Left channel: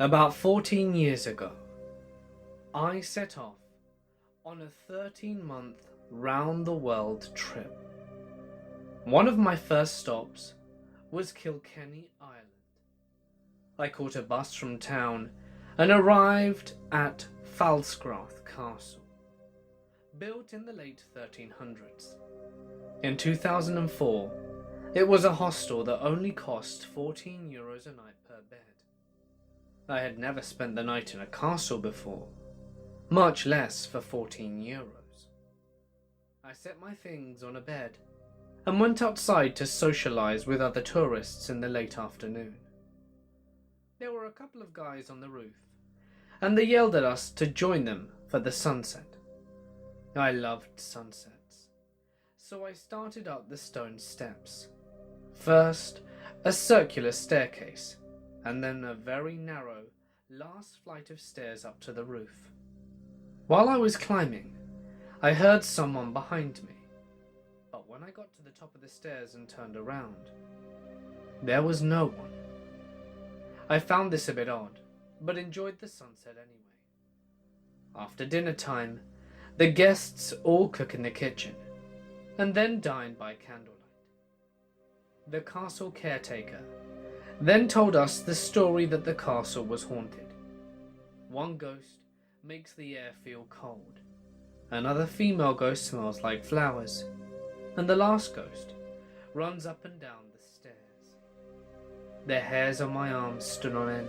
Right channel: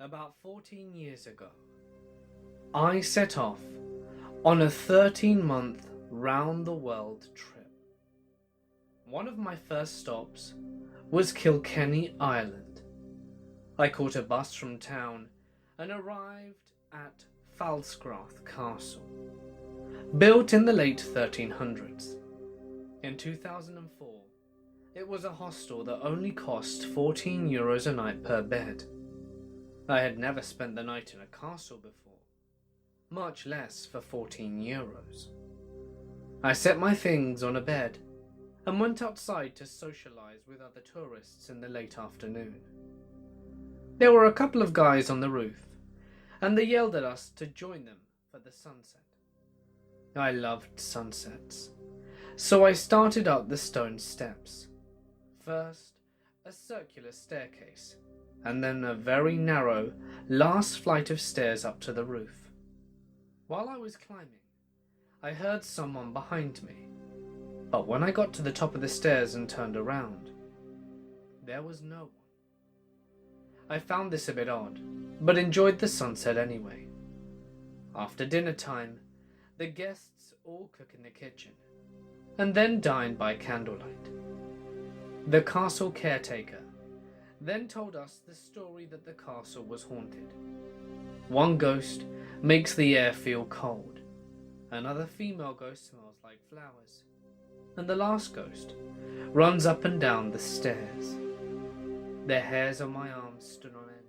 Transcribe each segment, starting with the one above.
About 14 years ago, I set off on a 13-month round-the-world trip. One of my first stops was Kilkenny, Ireland. I caught a bus from town and arrived at Falscrath Castle, built in the late 1300s. In 2004, it was a hostel that only cost €14 a night per bed. I had never spent the night in a castle before, much less for €14. I set my things on a bed and went outside to socialise with other tourists in the late afternoon. There were a couple of guys on the roof, and they yelled at us to join them for the sunset. I loved sunsets, so I started up the stone steps. First, a circular staircase, and then a very narrow last flight of stairs up to the roof. While I was climbing, I heard someone behind me, but when I got to the top of the stairs and turned around, there was no one. I found this a bit odd, but enjoyed the sunset anyway. After dinner time, the guests all cook in the kitchen, and then dine by candlelight. The castle caretaker then told us the story that the castle was haunted. One ghost makes the air feel cold, another female ghost smells like flowers, and the last ghost runs up and down the stairs. The hairs on my arms stood on end.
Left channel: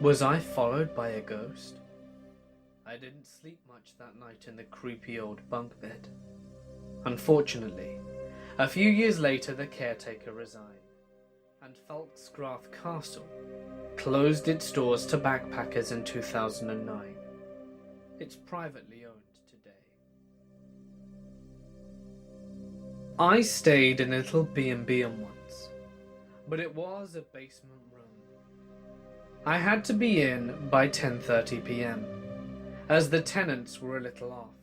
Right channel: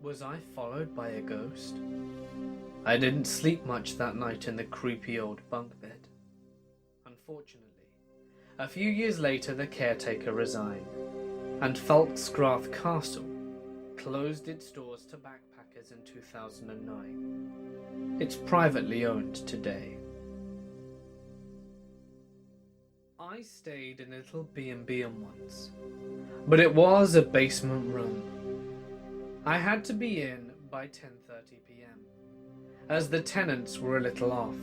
Was I followed by a ghost? I didn't sleep much that night in the creepy old bunk bed. Unfortunately, a few years later the caretaker resigned, and Falscrath Castle closed its doors to backpackers in 2009. It's privately owned today. I stayed in a little B&B once, but it was a basement room. I had to be in by 10:30 p.m, as the tenants were a little off,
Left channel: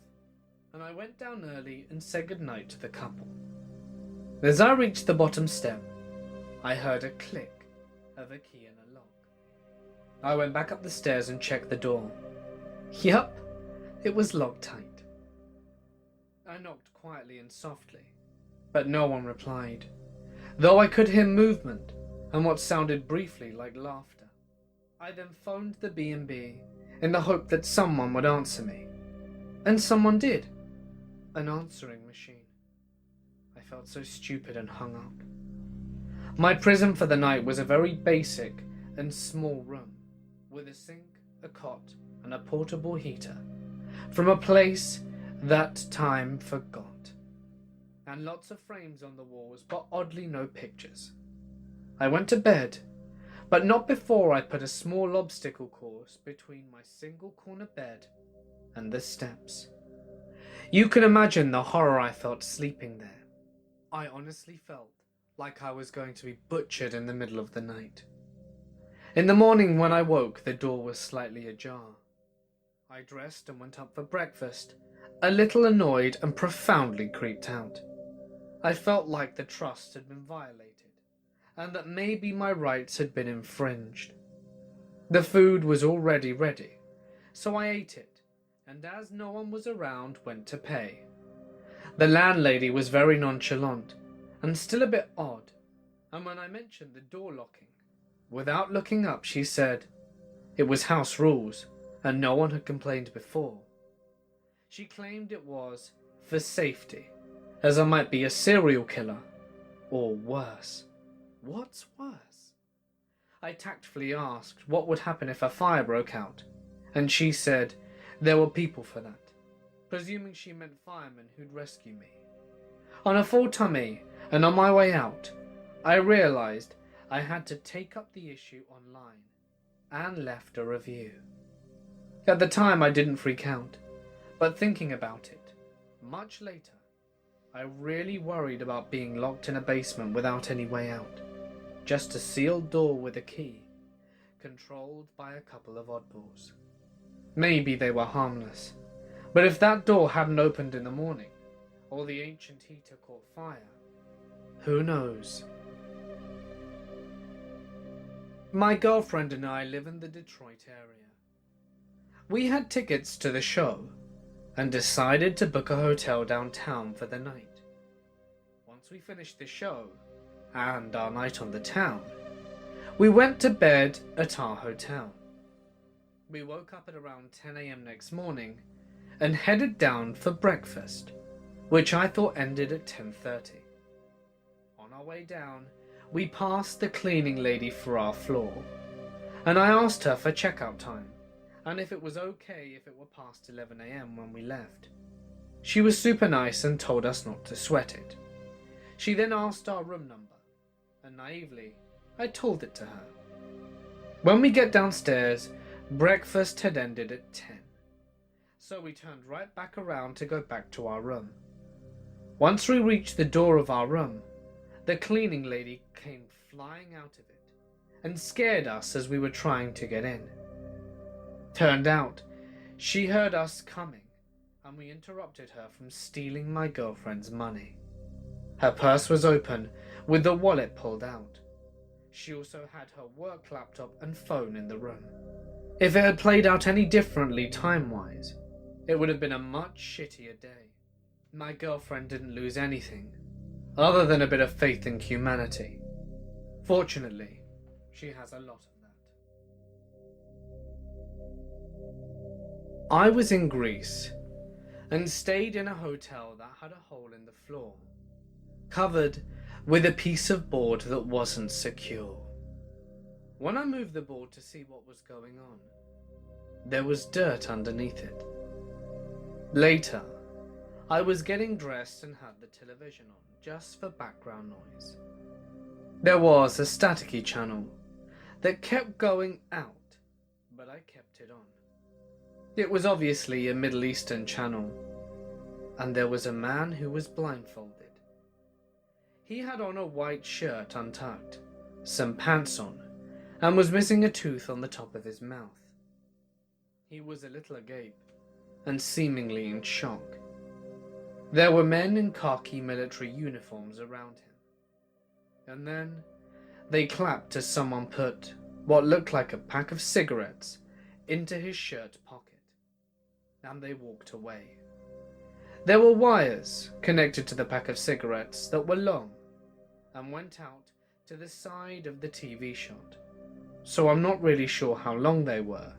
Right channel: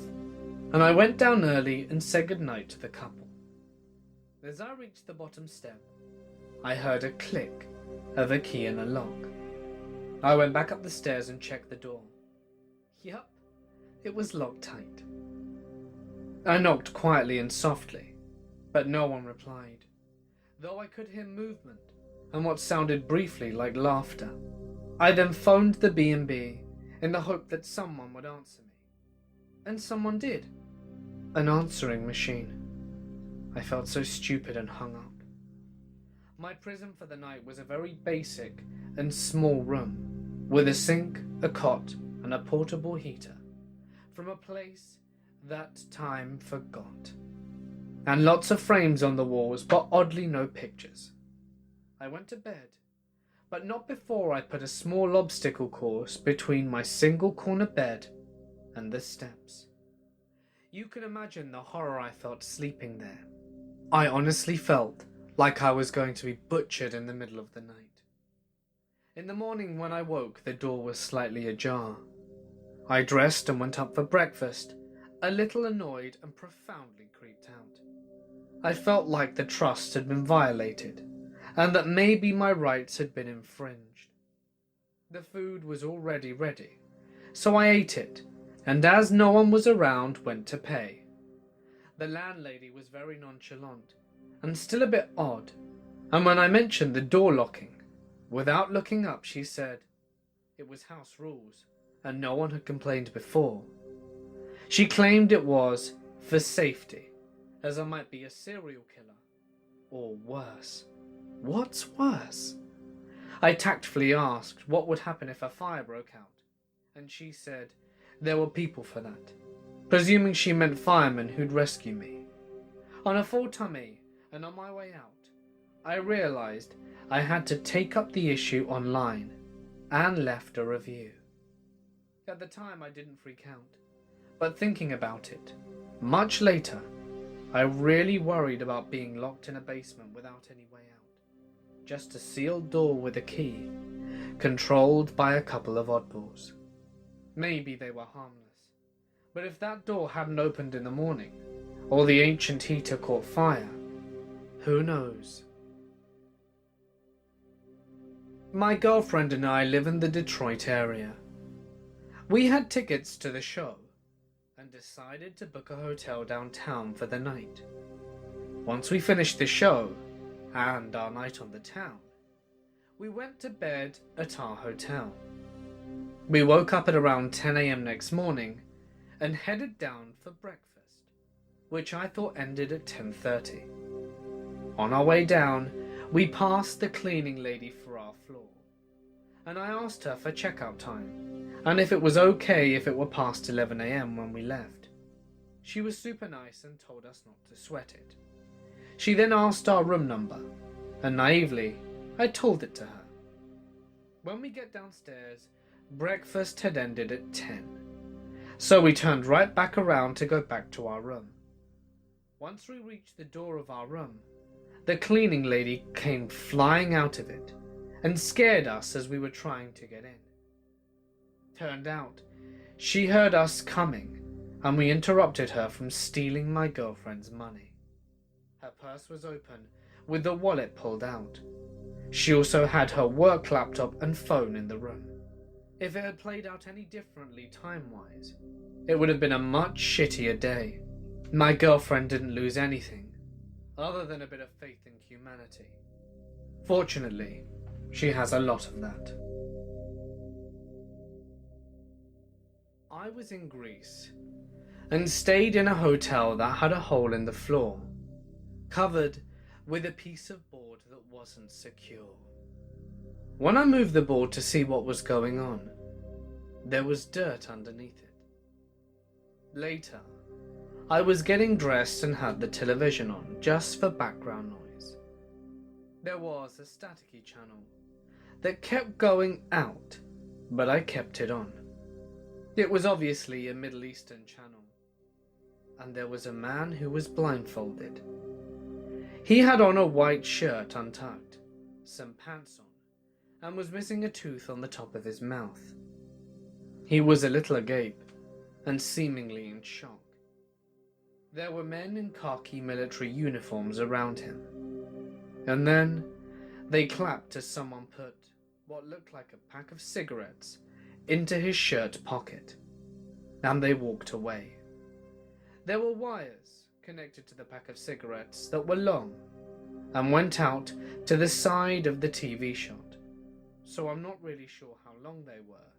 and I went down early and said goodnight to the couple. As I reached the bottom step, I heard a click of a key in a lock. I went back up the stairs and checked the door. Yup, it was locked tight. I knocked quietly and softly, but no one replied, though I could hear movement and what sounded briefly like laughter. I then phoned the B&B in the hope that someone would answer me. And someone did. An answering machine. I felt so stupid and hung up. My prison for the night was a very basic and small room, with a sink, a cot, and a portable heater, from a place that time forgot, and lots of frames on the walls, but oddly no pictures. I went to bed, but not before I put a small obstacle course between my single corner bed and the steps. You can imagine the horror I felt sleeping there. I honestly felt like I was going to be butchered in the middle of the night. In the morning when I woke, the door was slightly ajar. I dressed and went up for breakfast, a little annoyed and profoundly creeped out. I felt like the trust had been violated, and that maybe my rights had been infringed. The food was already ready, so I ate it, and as no one was around, went to pay. The landlady was very nonchalant, and still a bit odd, and when I mentioned the door locking, without looking up she said it was house rules, and no one had complained before. She claimed it was for safety, as I might be a serial killer, or worse. What's worse? I tactfully asked what would happen if a fire broke out, and she said there were people for that, presuming she meant firemen who'd rescue me. On a full tummy and on my way out, I realised I had to take up the issue online and left a review. At the time I didn't freak out, but thinking about it, much later, I really worried about being locked in a basement without any way out. Just a sealed door with a key, controlled by a couple of oddballs. Maybe they were harmless, but if that door hadn't opened in the morning, or the ancient heater caught fire, who knows? My girlfriend and I live in the Detroit area. We had tickets to the show and decided to book a hotel downtown for the night. Once we finished the show and our night on the town, we went to bed at our hotel. We woke up at around 10 a.m. next morning and headed down for breakfast, which I thought ended at 10:30. On our way down, we passed the cleaning lady for our floor, and I asked her for checkout time and if it was okay if it were past 11 a.m. when we left. She was super nice and told us not to sweat it. She then asked our room number, and naively, I told it to her. When we get downstairs, breakfast had ended at 10, so we turned right back around to go back to our room. Once we reached the door of our room, the cleaning lady came flying out of it and scared us as we were trying to get in. Turned out, she heard us coming and we interrupted her from stealing my girlfriend's money. Her purse was open with the wallet pulled out. She also had her work laptop and phone in the room. If it had played out any differently time-wise, it would have been a much shittier day. My girlfriend didn't lose anything, other than a bit of faith in humanity. Fortunately, she has a lot of that. I was in Greece, and stayed in a hotel that had a hole in the floor, covered with a piece of board that wasn't secure. When I moved the board to see what was going on, there was dirt underneath it. Later, I was getting dressed and had the television on just for background noise. There was a staticky channel that kept going out, but I kept it on. It was obviously a Middle Eastern channel, and there was a man who was blindfolded. He had on a white shirt untucked, some pants on, and was missing a tooth on the top of his mouth. He was a little agape, and seemingly in shock. There were men in khaki military uniforms around him. And then they clapped as someone put what looked like a pack of cigarettes into his shirt pocket, and they walked away. There were wires connected to the pack of cigarettes that were long and went out to the side of the TV shot, so I'm not really sure how long they were,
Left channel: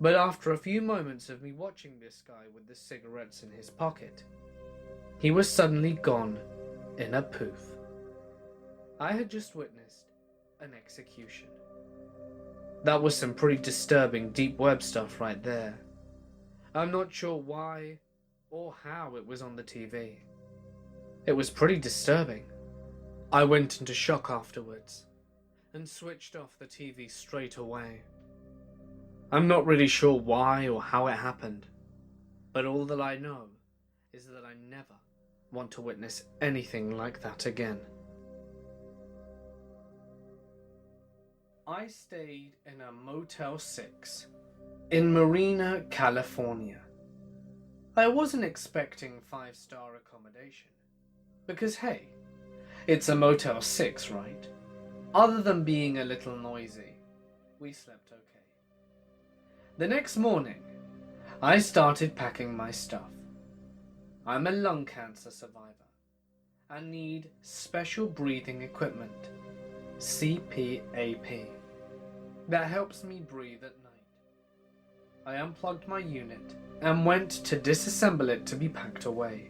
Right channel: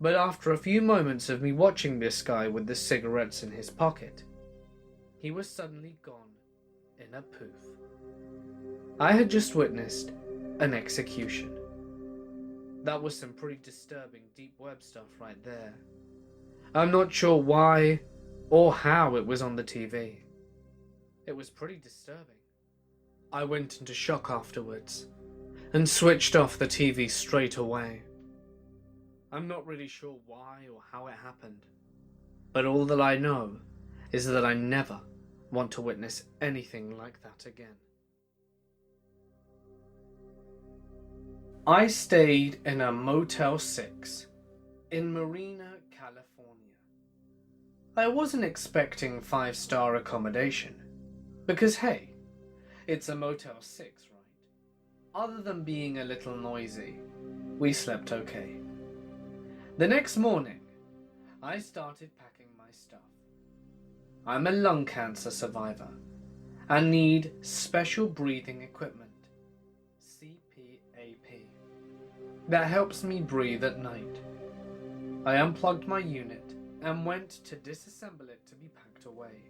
but after a few moments of me watching this guy with the cigarettes in his pocket, he was suddenly gone in a poof. I had just witnessed an execution. That was some pretty disturbing deep web stuff right there. I'm not sure why or how it was on the TV. It was pretty disturbing. I went into shock afterwards and switched off the TV straight away. I'm not really sure why or how it happened, but all that I know is that I never want to witness anything like that again. I stayed in a Motel 6 in Marina, California. I wasn't expecting 5-star accommodation, because hey, it's a Motel 6, right? Other than being a little noisy, we slept okay. The next morning, I started packing my stuff. I'm a lung cancer survivor and need special breathing equipment, CPAP, that helps me breathe at night. I unplugged my unit and went to disassemble it to be packed away.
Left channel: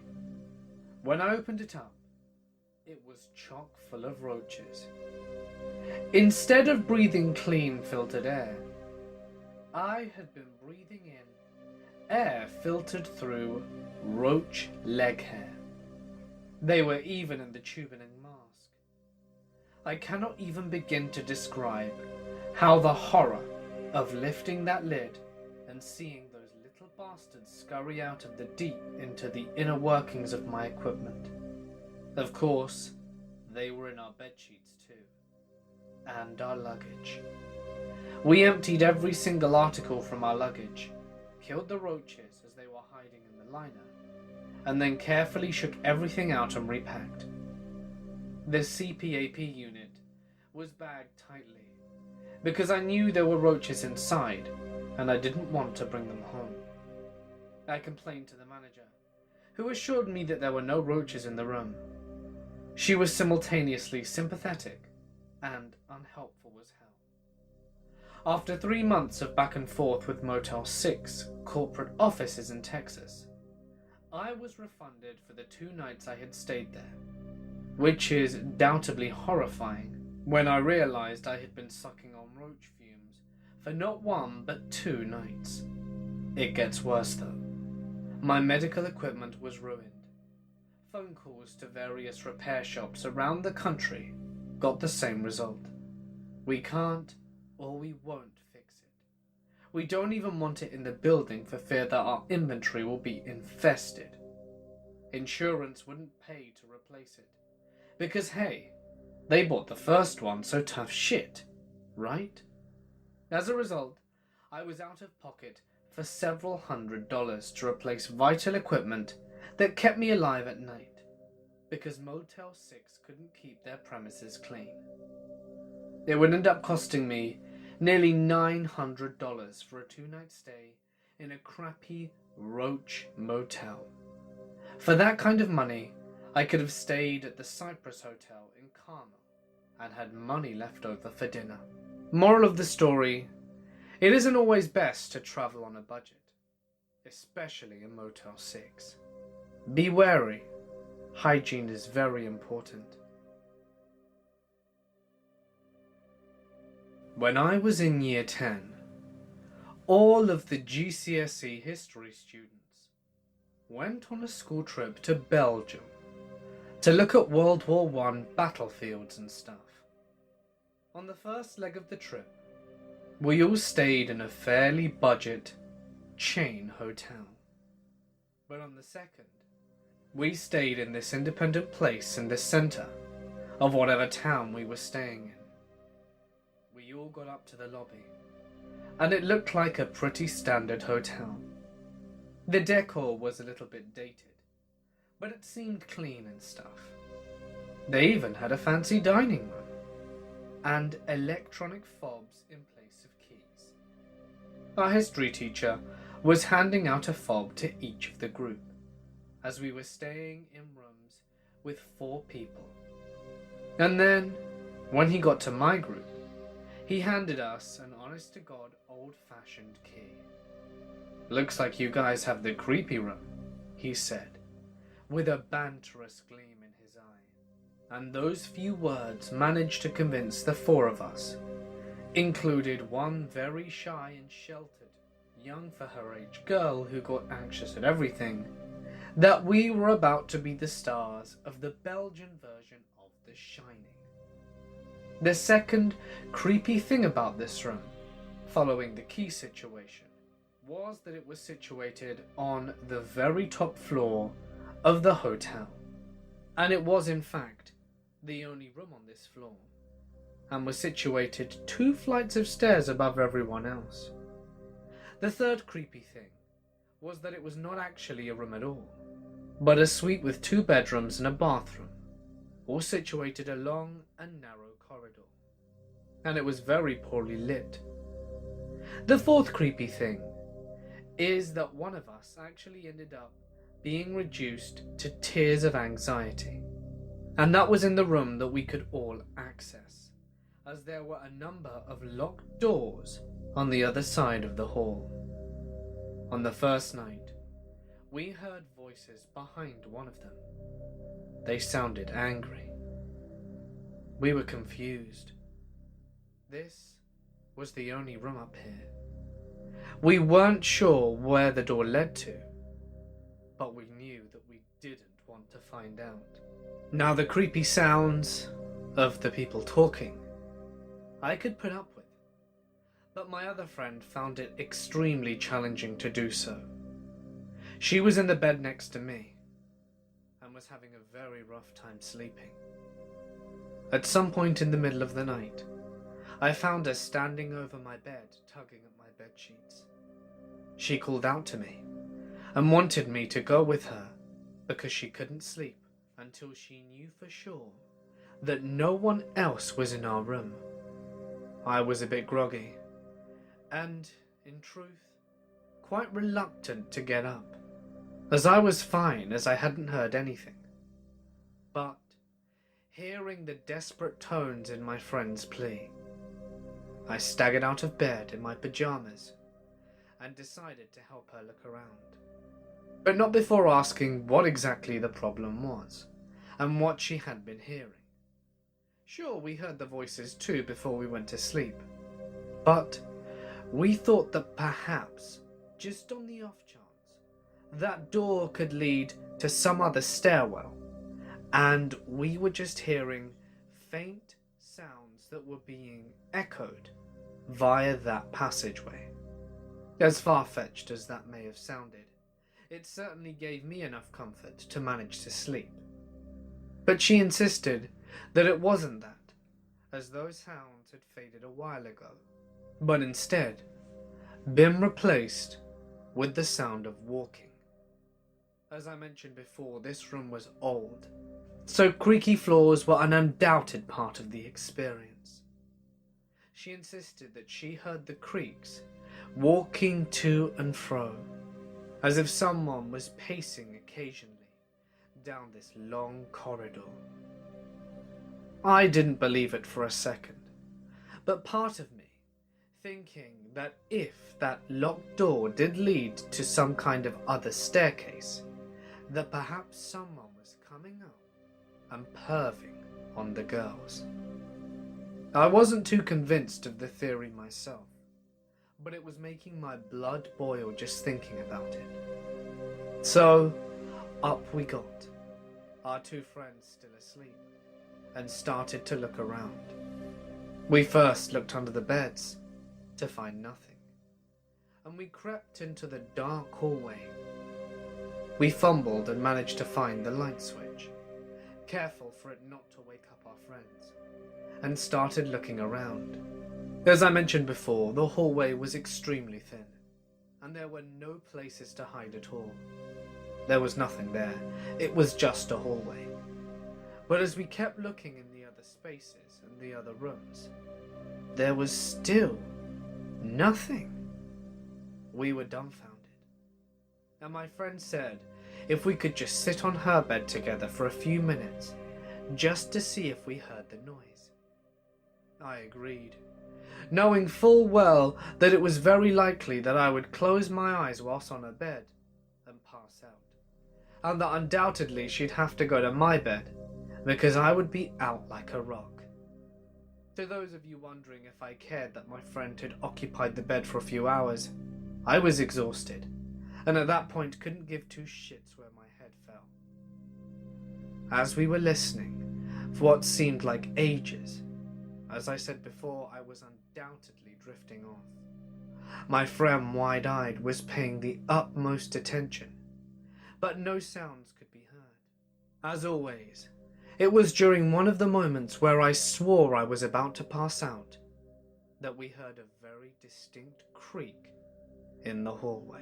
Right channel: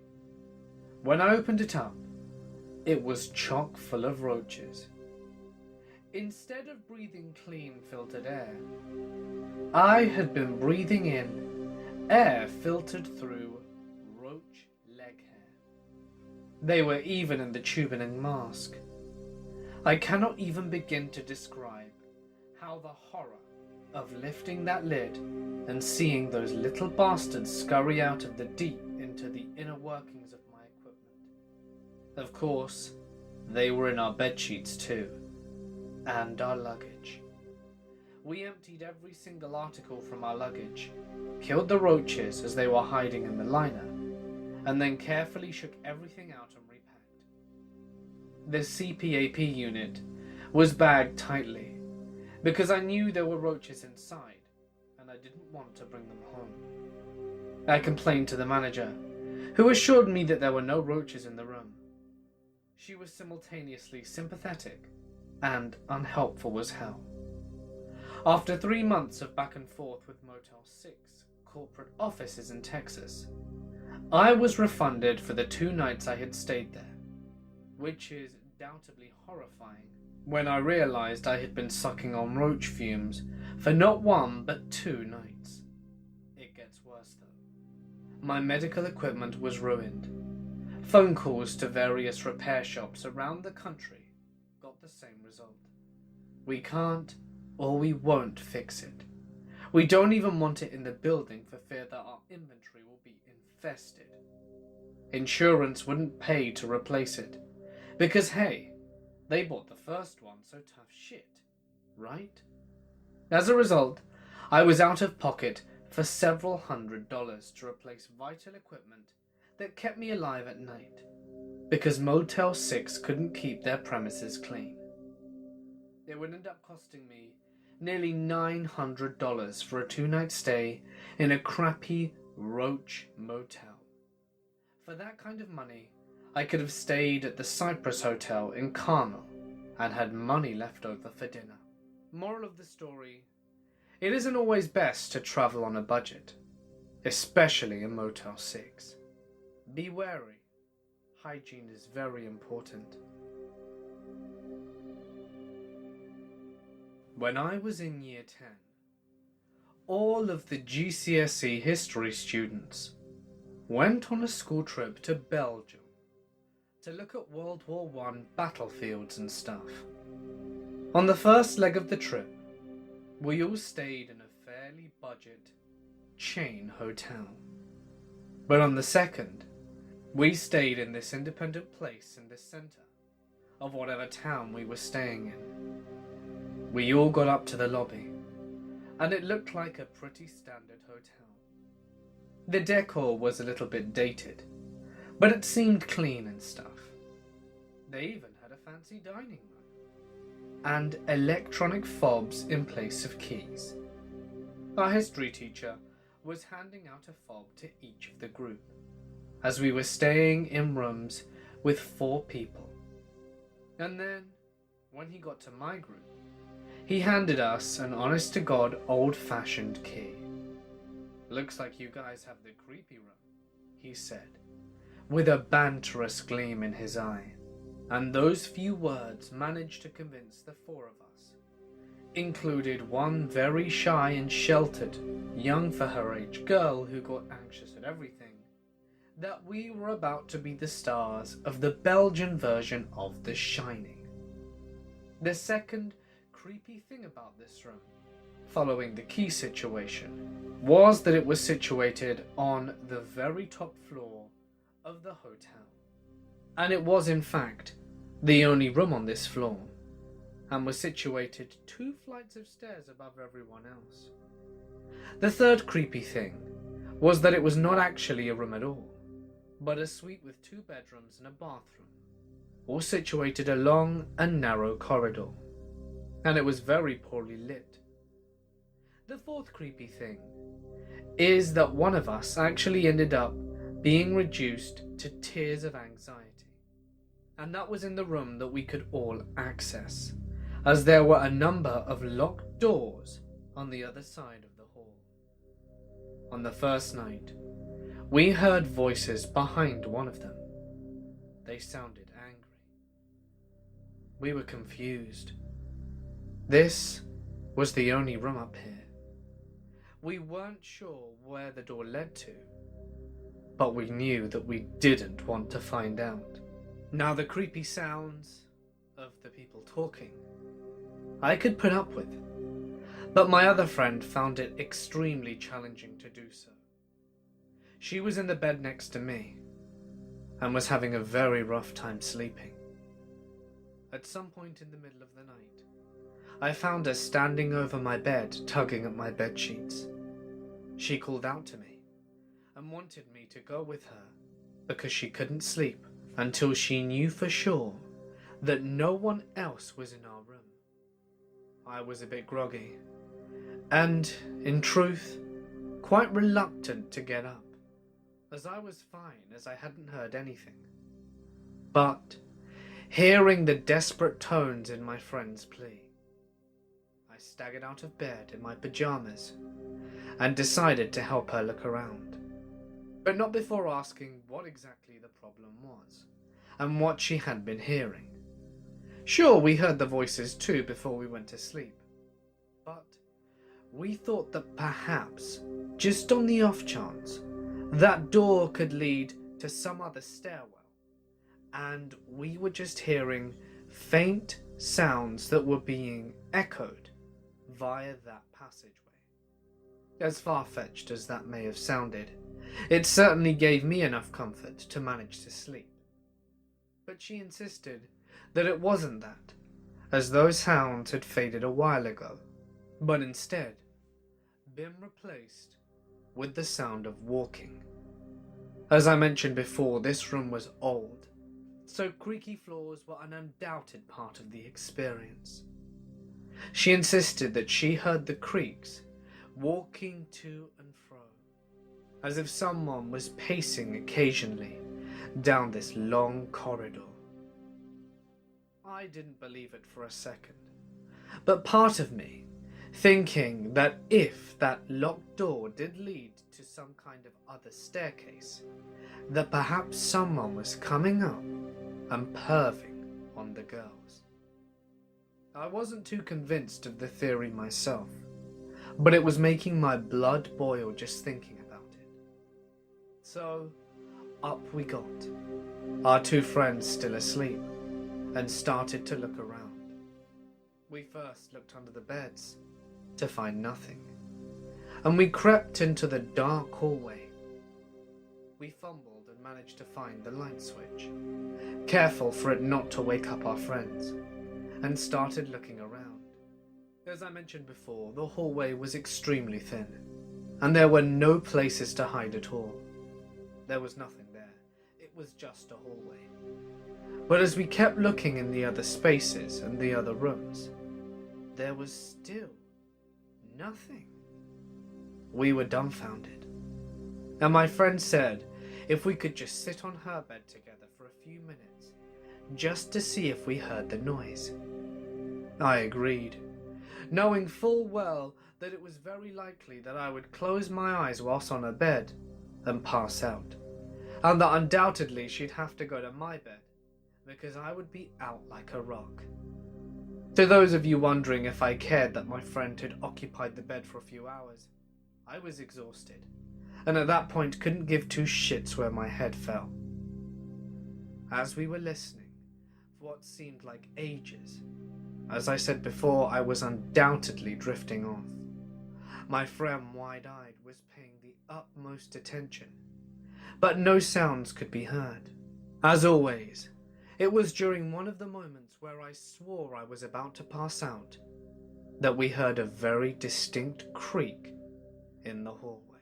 When I opened it up, it was chock full of roaches. Instead of breathing clean filtered air, I had been breathing in air filtered through roach leg hair. They were even in the tubing mask. I cannot even begin to describe how the horror of lifting that lid and seeing those little bastards scurry out of the deep into the inner workings of my equipment. Of course, they were in our bedsheets too, and our luggage. We emptied every single article from our luggage, killed the roaches as they were hiding in the liner, and then carefully shook everything out and repacked. The CPAP unit was bagged tightly, because I knew there were roaches inside and I didn't want to bring them home. I complained to the manager, who assured me that there were no roaches in the room. She was simultaneously sympathetic and unhelpful as hell. After 3 months of back and forth with Motel 6 corporate offices in Texas, I was refunded for the 2 nights I had stayed there, which is doubtably horrifying when I realized I had been sucking on roach fumes for not 1 but 2 nights. It gets worse though. My medical equipment was ruined. Phone calls to various repair shops around the country got the same result. We can't or we won't fix it. We don't even want it in the building for fear that our inventory will be infested. Insurance wouldn't pay to replace it, because hey, they bought the first one, so tough shit, right? As a result, I was out of pocket for several $100s to replace vital equipment that kept me alive at night, because Motel 6 couldn't keep their premises clean. It would end up costing me nearly $900 for a 2-night stay in a crappy roach motel. For that kind of money, I could have stayed at the Cypress Hotel in Carmel and had money left over for dinner. Moral of the story, it isn't always best to travel on a budget, especially in Motel 6. Be wary. Hygiene is very important. When I was in year 10, all of the GCSE history students went on a school trip to Belgium to look at World War I battlefields and stuff. On the first leg of the trip, we all stayed in a fairly budget chain hotel. But on the second, we stayed in this independent place in the center of whatever town we were staying in. We all got up to the lobby, and it looked like a pretty standard hotel. The decor was a little bit dated, but it seemed clean and stuff. They even had a fancy dining room, and electronic fobs in place of keys. Our history teacher was handing out a fob to each of the group, as we were staying in rooms with 4 people. And then, when he got to my group, he handed us an honest-to-God old-fashioned key. "Looks like you guys have the creepy room," he said, with a banterous gleam in his eye. And those few words managed to convince the 4 of us, included one very shy and sheltered, young for her age girl who got anxious at everything, that we were about to be the stars of the Belgian version of The Shining. The second creepy thing about this room, following the key situation, was that it was situated on the very top floor of the hotel. And it was in fact the only room on this floor, and was situated 2 flights of stairs above everyone else. The third creepy thing was that it was not actually a room at all, but a suite with 2 bedrooms and a bathroom, all situated along a narrow corridor, and it was very poorly lit. The fourth creepy thing is that one of us actually ended up being reduced to tears of anxiety, and that was in the room that we could all access, as there were a number of locked doors on the other side of the hall. On the first night, we heard voices behind one of them. They sounded angry. We were confused. This was the only room up here. We weren't sure where the door led to, but we knew that we didn't want to find out. Now, the creepy sounds of the people talking I could put up with, but my other friend found it extremely challenging to do so. She was in the bed next to me and was having a very rough time sleeping. At some point in the middle of the night, I found her standing over my bed, tugging at my bed sheets. She called out to me and wanted me to go with her because she couldn't sleep until she knew for sure that no one else was in our room. I was a bit groggy, and, in truth, quite reluctant to get up, as I was fine as I hadn't heard anything. But, hearing the desperate tones in my friend's plea, I staggered out of bed in my pajamas and decided to help her look around, but not before asking what exactly the problem was and what she had been hearing. Sure, we heard the voices too before we went to sleep, but we thought that perhaps, just on the off chance, that door could lead to some other stairwell, and we were just hearing faint sounds that were being echoed via that passageway. As far-fetched as that may have sounded, it certainly gave me enough comfort to manage to sleep. But she insisted that it wasn't that, as those sounds had faded a while ago, but instead been replaced with the sound of walking. As I mentioned before, this room was old, so creaky floors were an undoubted part of the experience. She insisted that she heard the creaks walking to and fro, as if someone was pacing occasionally down this long corridor. I didn't believe it for a second, but part of me, thinking that if that locked door did lead to some kind of other staircase, that perhaps someone was coming up and perving on the girls. I wasn't too convinced of the theory myself, but it was making my blood boil just thinking about it. So, up we got, our two friends still asleep, and started to look around. We first looked under the beds, to find nothing, and we crept into the dark hallway. We fumbled and managed to find the light switch, careful for it not to wake up our friends, and started looking around. As I mentioned before, the hallway was extremely thin, and there were no places to hide at all. There was nothing there, it was just a hallway. But as we kept looking in the other spaces and the other rooms, there was still nothing. We were dumbfounded, and my friend said if we could just sit on her bed together for a few minutes, just to see if we heard the noise. I agreed, knowing full well that it was very likely that I would close my eyes whilst on her bed and pass out, and that undoubtedly she'd have to go to my bed, because I would be out like a rock. To those of you wondering if I cared that my friend had occupied the bed for a few hours, I was exhausted, and at that point couldn't give two shits where my head fell. As we were listening for what seemed like ages, as I said before, I was undoubtedly drifting off. My friend, wide-eyed, was paying the utmost attention, but no sounds could be heard. As always, it was during one of the moments where I swore I was about to pass out that we heard a very distinct creak in the hallway.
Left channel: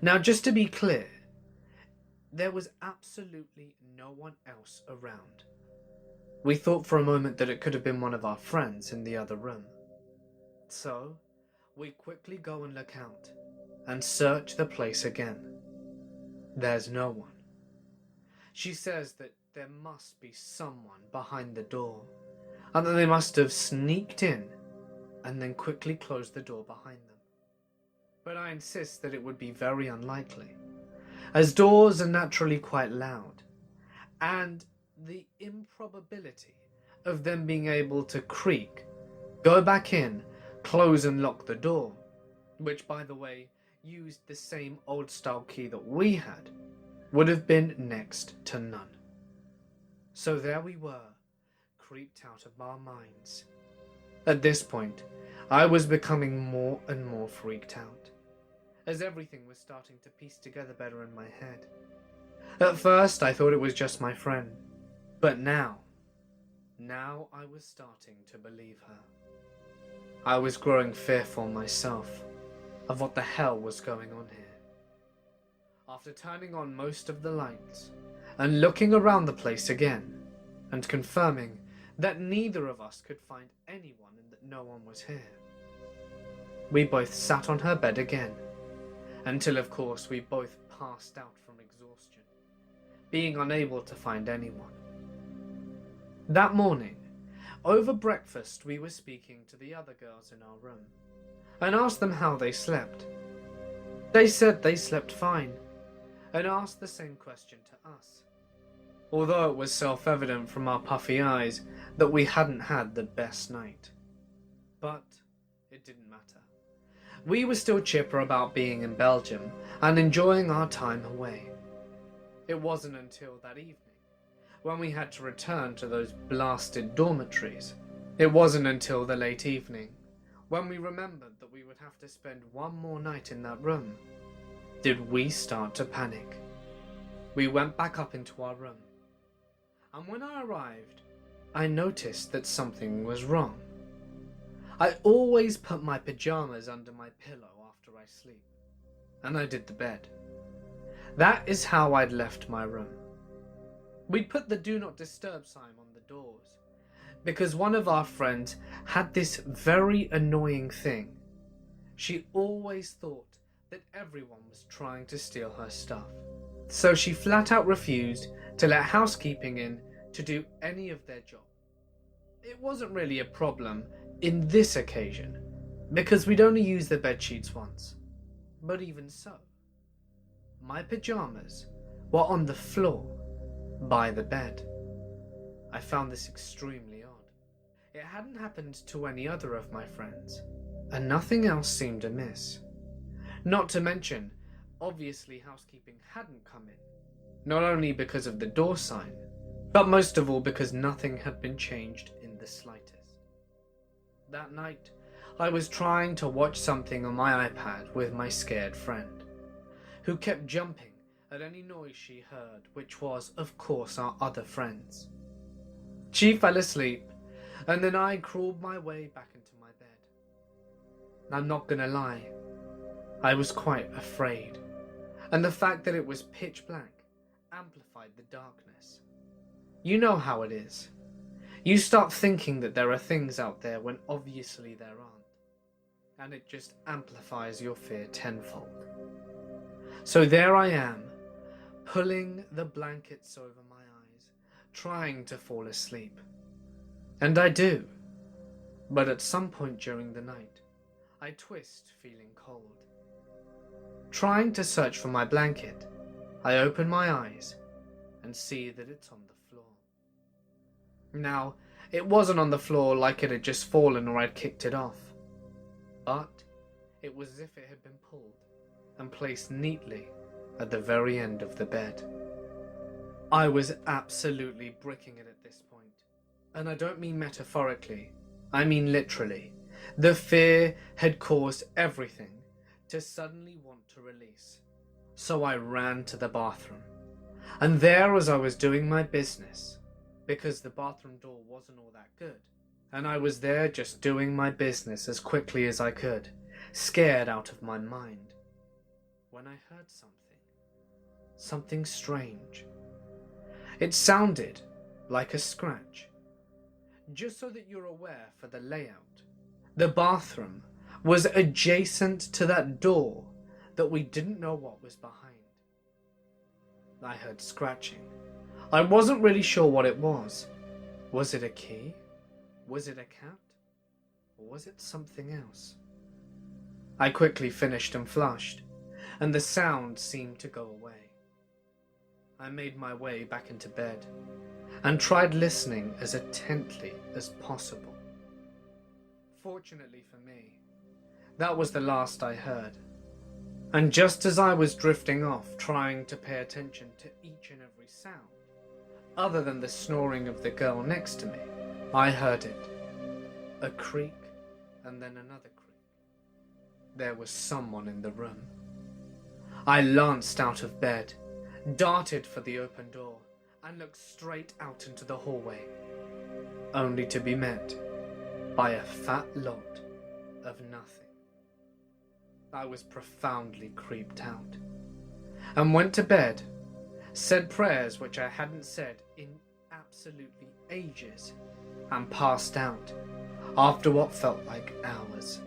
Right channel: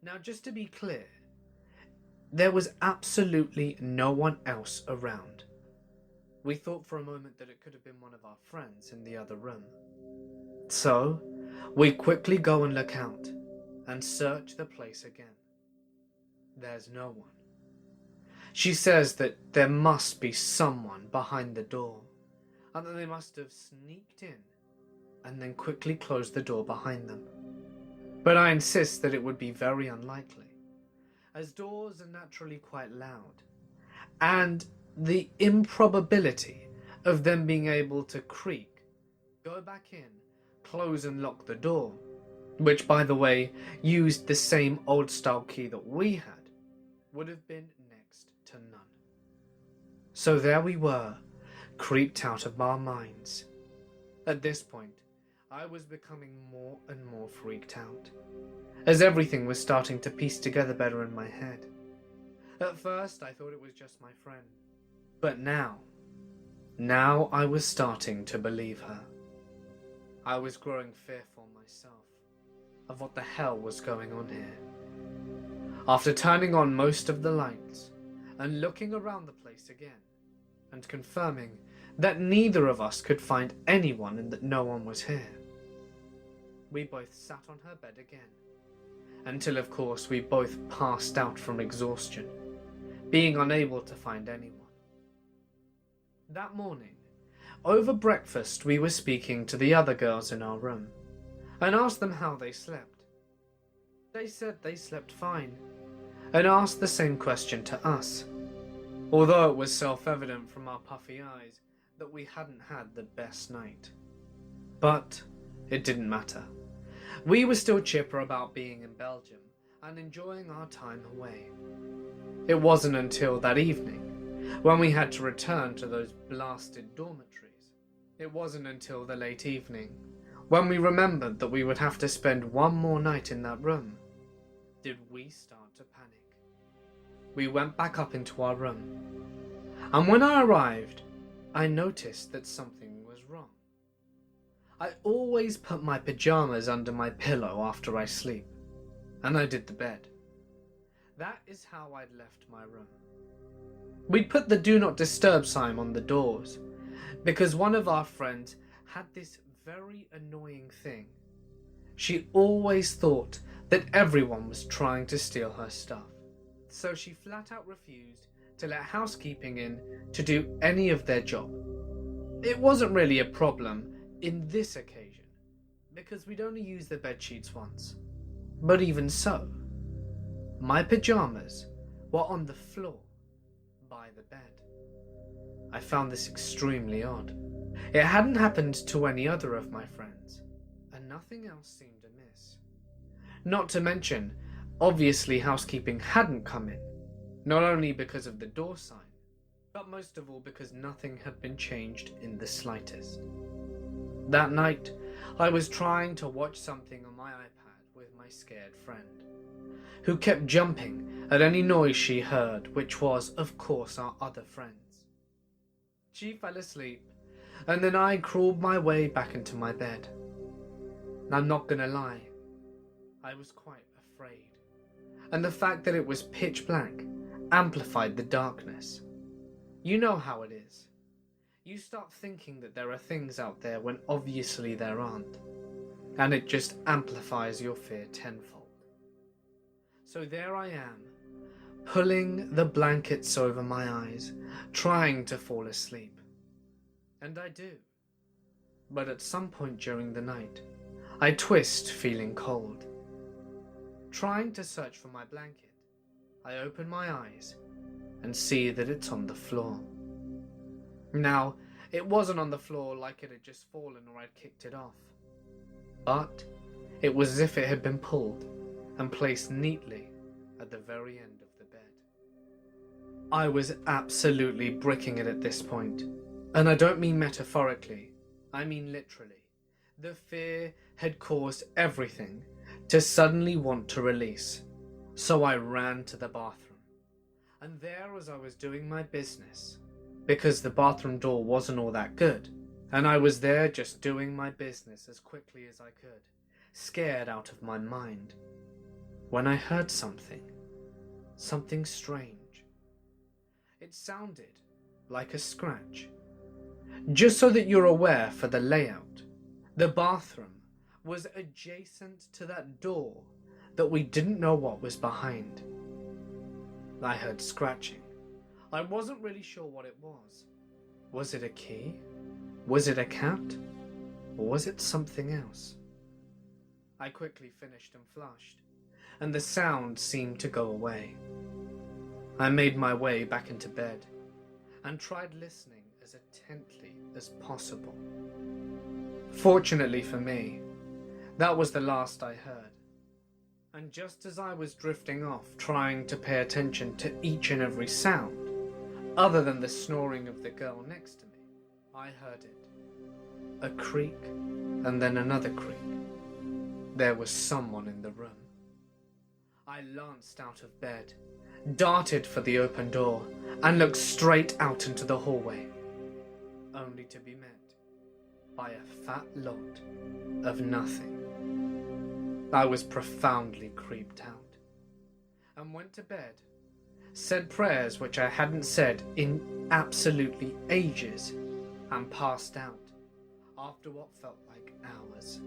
Now, just to be clear, there was absolutely no one else around. We thought for a moment that it could have been one of our friends in the other room. So, we quickly go and look out and search the place again. There's no one. She says that there must be someone behind the door, and that they must have sneaked in and then quickly closed the door behind them. But I insist that it would be very unlikely, as doors are naturally quite loud, and the improbability of them being able to creak, go back in, close and lock the door, which by the way used the same old style key that we had, would have been next to none. So there we were, creeped out of our minds. At this point, I was becoming more and more freaked out, as everything was starting to piece together better in my head. At first I thought it was just my friend, but now I was starting to believe her. I was growing fearful myself of what the hell was going on here. After turning on most of the lights and looking around the place again and confirming that neither of us could find anyone and that no one was here. We both sat on her bed again, until of course we both passed out from exhaustion, being unable to find anyone. That morning, over breakfast we were speaking to the other girls in our room, and asked them how they slept. They said they slept fine, and asked the same question to us, although it was self-evident from our puffy eyes that we hadn't had the best night. But it didn't matter. We were still chipper about being in Belgium and enjoying our time away. It wasn't until that evening, when we had to return to those blasted dormitories, it wasn't until the late evening, when we remembered that we would have to spend one more night in that room, did we start to panic. We went back up into our room, and when I arrived, I noticed that something was wrong. I always put my pajamas under my pillow after I sleep, and I did the bed. That is how I'd left my room. We'd put the do not disturb sign on the doors, because one of our friends had this very annoying thing. She always thought that everyone was trying to steal her stuff, so she flat out refused to let housekeeping in to do any of their job. It wasn't really a problem in this occasion, because we'd only used the bed sheets once, but even so, my pajamas were on the floor by the bed. I found this extremely odd. It hadn't happened to any other of my friends, and nothing else seemed amiss. Not to mention, obviously housekeeping hadn't come in, not only because of the door sign, but most of all because nothing had been changed in the slightest. That night, I was trying to watch something on my iPad with my scared friend, who kept jumping at any noise she heard, which was, of course, our other friends. She fell asleep, and then I crawled my way back into my bed. I'm not gonna lie, I was quite afraid, and the fact that it was pitch black amplified the darkness. You know how it is. You start thinking that there are things out there when obviously there aren't, and it just amplifies your fear tenfold. So there I am, pulling the blankets over my eyes, trying to fall asleep. And I do, but at some point during the night, I twist feeling cold. Trying to search for my blanket, I open my eyes and see that it's on the floor. Now, it wasn't on the floor like it had just fallen or I'd kicked it off, but it was as if it had been pulled and placed neatly at the very end of the bed. I was absolutely bricking it at this point, and I don't mean metaphorically, I mean literally. The fear had caused everything to suddenly want to release, so I ran to the bathroom, and there as I was doing my business, because the bathroom door wasn't all that good, and I was there just doing my business as quickly as I could, scared out of my mind, when I heard something strange. It sounded like a scratch. Just so that you're aware for the layout, the bathroom was adjacent to that door that we didn't know what was behind. I heard scratching. I wasn't really sure what it was. Was it a key? Was it a cat? Or was it something else? I quickly finished and flushed, and the sound seemed to go away. I made my way back into bed, and tried listening as intently as possible. Fortunately for me, that was the last I heard, and just as I was drifting off trying to pay attention to each and every sound, other than the snoring of the girl next to me, I heard it. A creak, and then another creak. There was someone in the room. I lanced out of bed, darted for the open door, and looked straight out into the hallway, only to be met by a fat lot of nothing. I was profoundly creeped out, and went to bed, said prayers which I hadn't said in absolutely ages, and passed out after what felt like hours.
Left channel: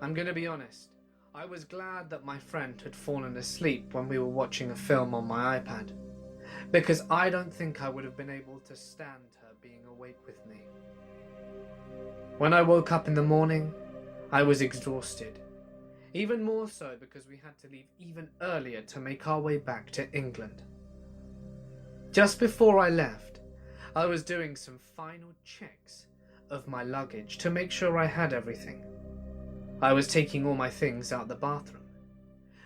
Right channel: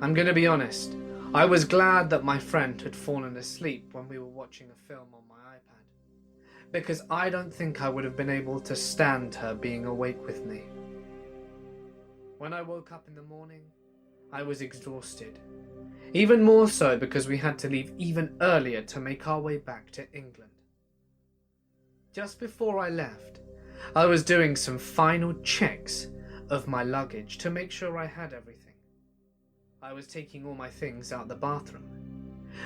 I'm gonna be honest, I was glad that my friend had fallen asleep when we were watching a film on my iPad, because I don't think I would have been able to stand her being awake with me. When I woke up in the morning, I was exhausted, even more so because we had to leave even earlier to make our way back to England. Just before I left, I was doing some final checks of my luggage to make sure I had everything. I was taking all my things out the bathroom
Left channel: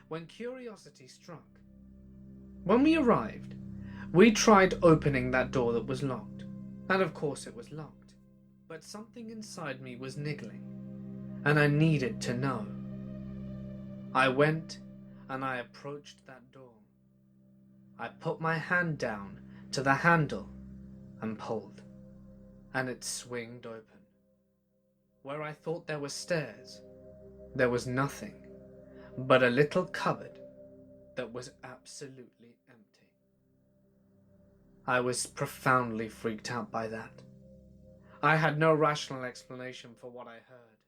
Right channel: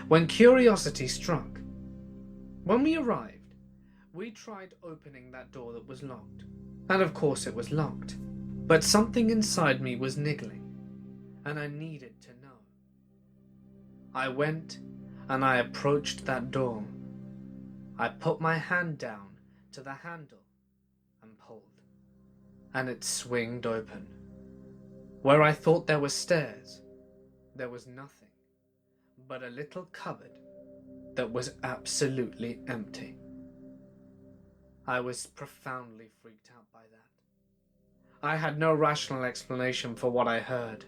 when curiosity struck. When we arrived, we tried opening that door that was locked, and of course it was locked, but something inside me was niggling, and I needed to know. I went and I approached that door. I put my hand down to the handle and pulled, and it swinged open. Where I thought there were stairs, there was nothing but a little cupboard that was absolutely empty. I was profoundly freaked out by that. I had no rational explanation for what I heard.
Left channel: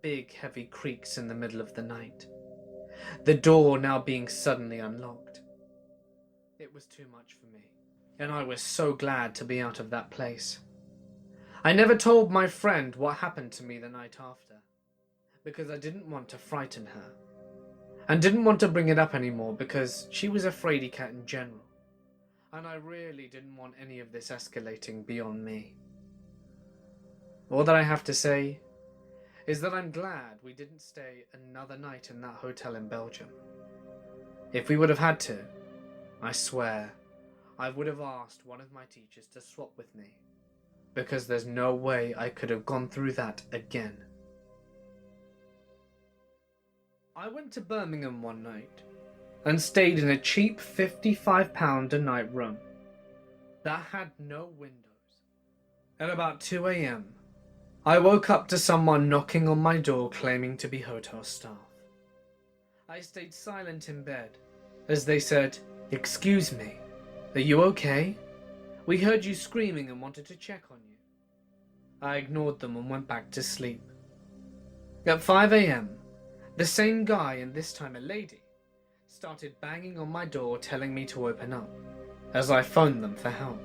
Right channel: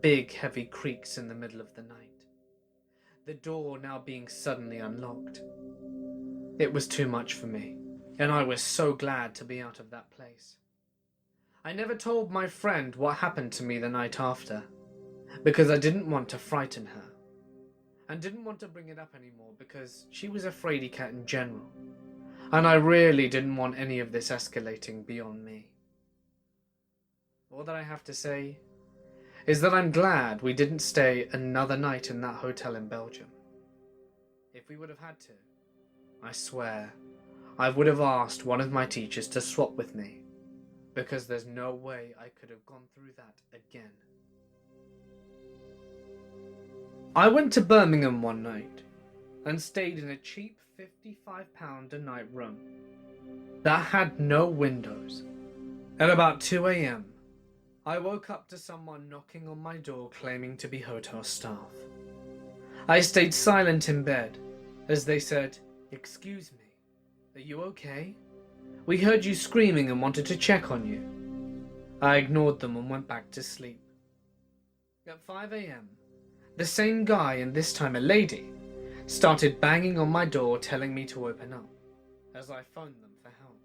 Big, heavy creaks in the middle of the night. The door now being suddenly unlocked. It was too much for me, and I was so glad to be out of that place. I never told my friend what happened to me the night after, because I didn't want to frighten her, and didn't want to bring it up anymore because she was a fraidy cat in general, and I really didn't want any of this escalating beyond me. All that I have to say is that I'm glad we didn't stay another night in that hotel in Belgium. If we would have had to, I swear, I would have asked one of my teachers to swap with me, because there's no way I could have gone through that again. I went to Birmingham one night and stayed in a cheap £55 a night room that had no windows. At about 2 a.m, I woke up to someone knocking on my door claiming to be hotel staff. I stayed silent in bed as they said, "Excuse me, are you okay? We heard you screaming and wanted to check on you." I ignored them and went back to sleep. At 5 a.m, the same guy, and this time a lady, started banging on my door telling me to open up, as I phoned them for help.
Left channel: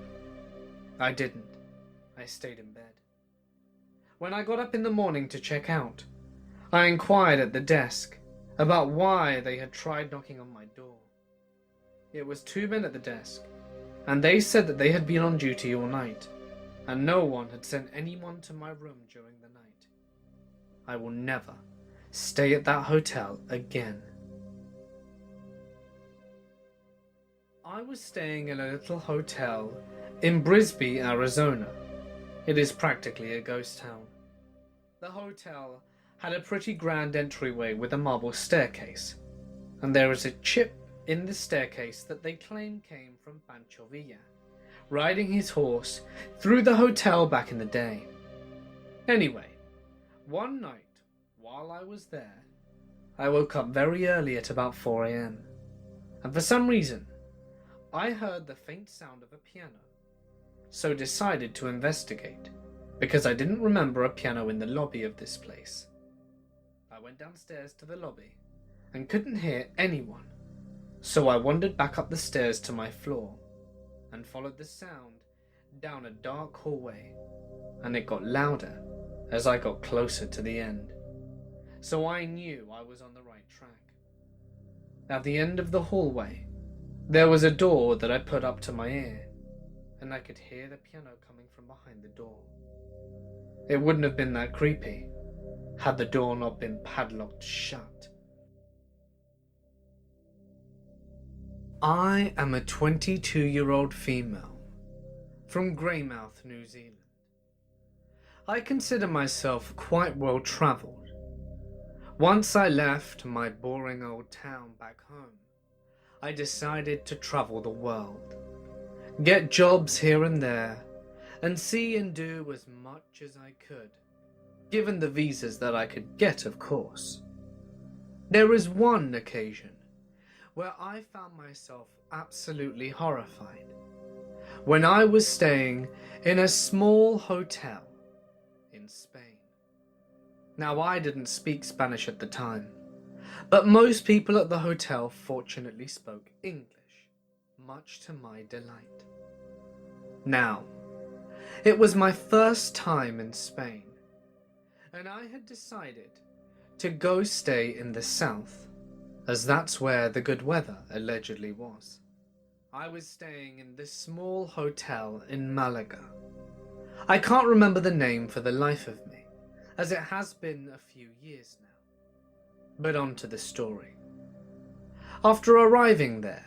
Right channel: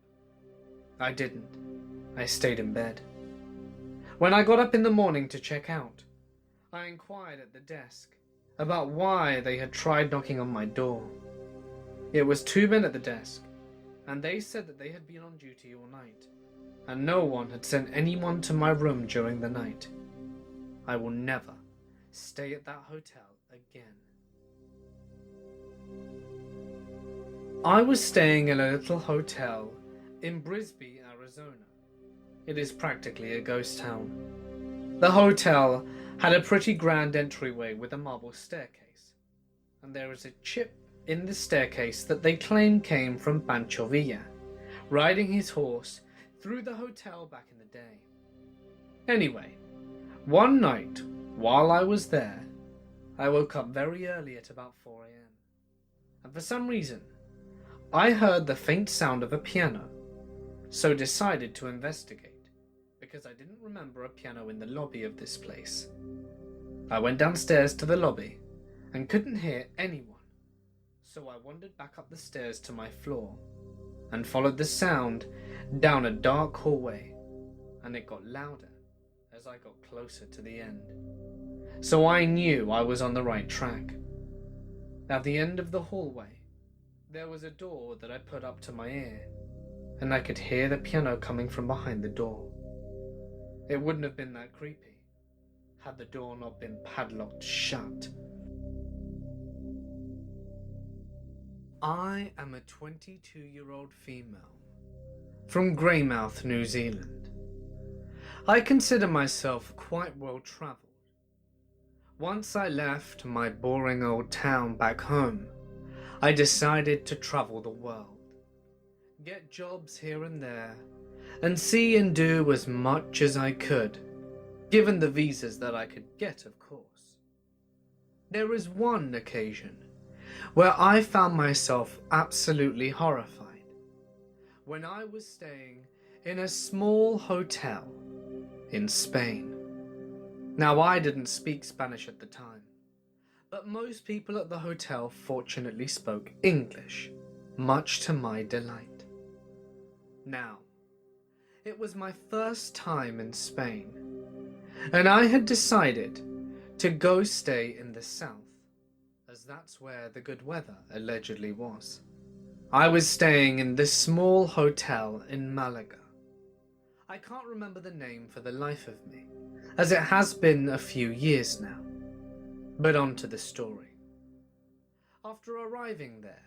I didn't. I stayed in bed. When I got up in the morning to check out, I inquired at the desk about why they had tried knocking on my door. It was 2 men at the desk, and they said that they had been on duty all night, and no one had sent anyone to my room during the night. I will never stay at that hotel again. I was staying in a little hotel in Brisbane, Arizona. It is practically a ghost town. The hotel had a pretty grand entryway with a marble staircase, and there is a chip in the staircase that they claim came from Pancho Villa, riding his horse through the hotel back in the day. Anyway, one night while I was there, I woke up very early at about 4 a.m, and for some reason, I heard the faint sound of a piano, so decided to investigate, because I didn't remember a piano in the lobby of this place. I went downstairs to the lobby and couldn't hear anyone, so I wandered back up the stairs to my floor and followed the sound down a dark hallway, and it got louder as I got closer to the end. So I knew I was on the right track. At the end of the hallway, there was a door that I put up to my ear, and I could hear the piano coming from behind the door. It wouldn't have been that creepy had the door not been padlocked shut. I am a 22-year-old female from Greymouth, New Zealand. I consider myself quite well travelled. Once I left my boring old town back home, I decided to travel the world, get jobs here and there, and see and do as much as I could, given the visas that I could get, of course. There is one occasion where I found myself absolutely horrified, when I was staying in a small hotel in Spain. Now, I didn't speak Spanish at the time, but most people at the hotel fortunately spoke English, much to my delight. Now, it was my first time in Spain, and I had decided to go stay in the south, as that's where the good weather allegedly was. I was staying in this small hotel in Malaga. I can't remember the name for the life of me, as it has been a few years now. But on to the story. After arriving there,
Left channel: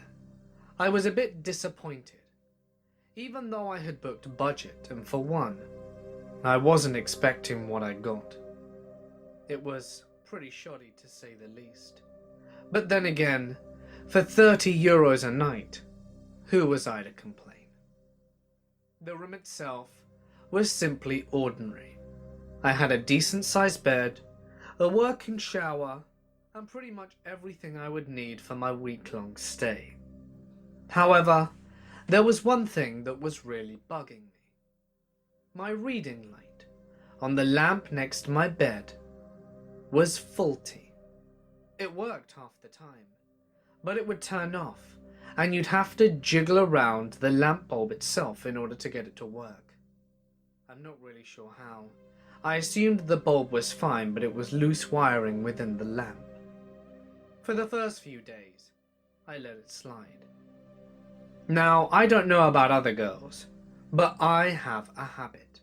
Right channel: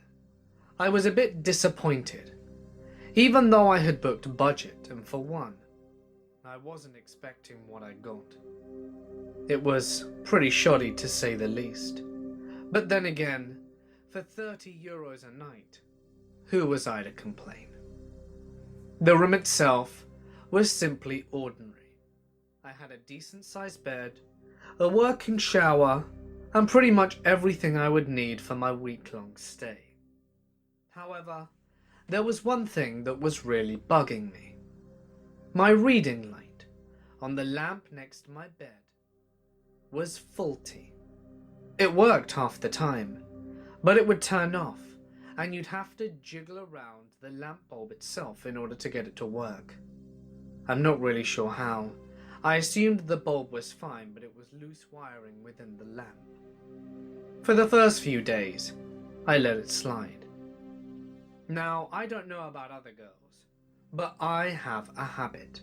I was a bit disappointed. Even though I had booked budget, and for one, I wasn't expecting what I got. It was pretty shoddy to say the least. But then again, for €30 a night, who was I to complain? The room itself was simply ordinary. I had a decent-sized bed, a working shower, and pretty much everything I would need for my week-long stay. However, there was one thing that was really bugging me. My reading light on the lamp next to my bed was faulty. It worked half the time, but it would turn off, and you'd have to jiggle around the lamp bulb itself in order to get it to work. I'm not really sure how. I assumed the bulb was fine, but it was loose wiring within the lamp. For the first few days, I let it slide. Now, I don't know about other girls, but I have a habit.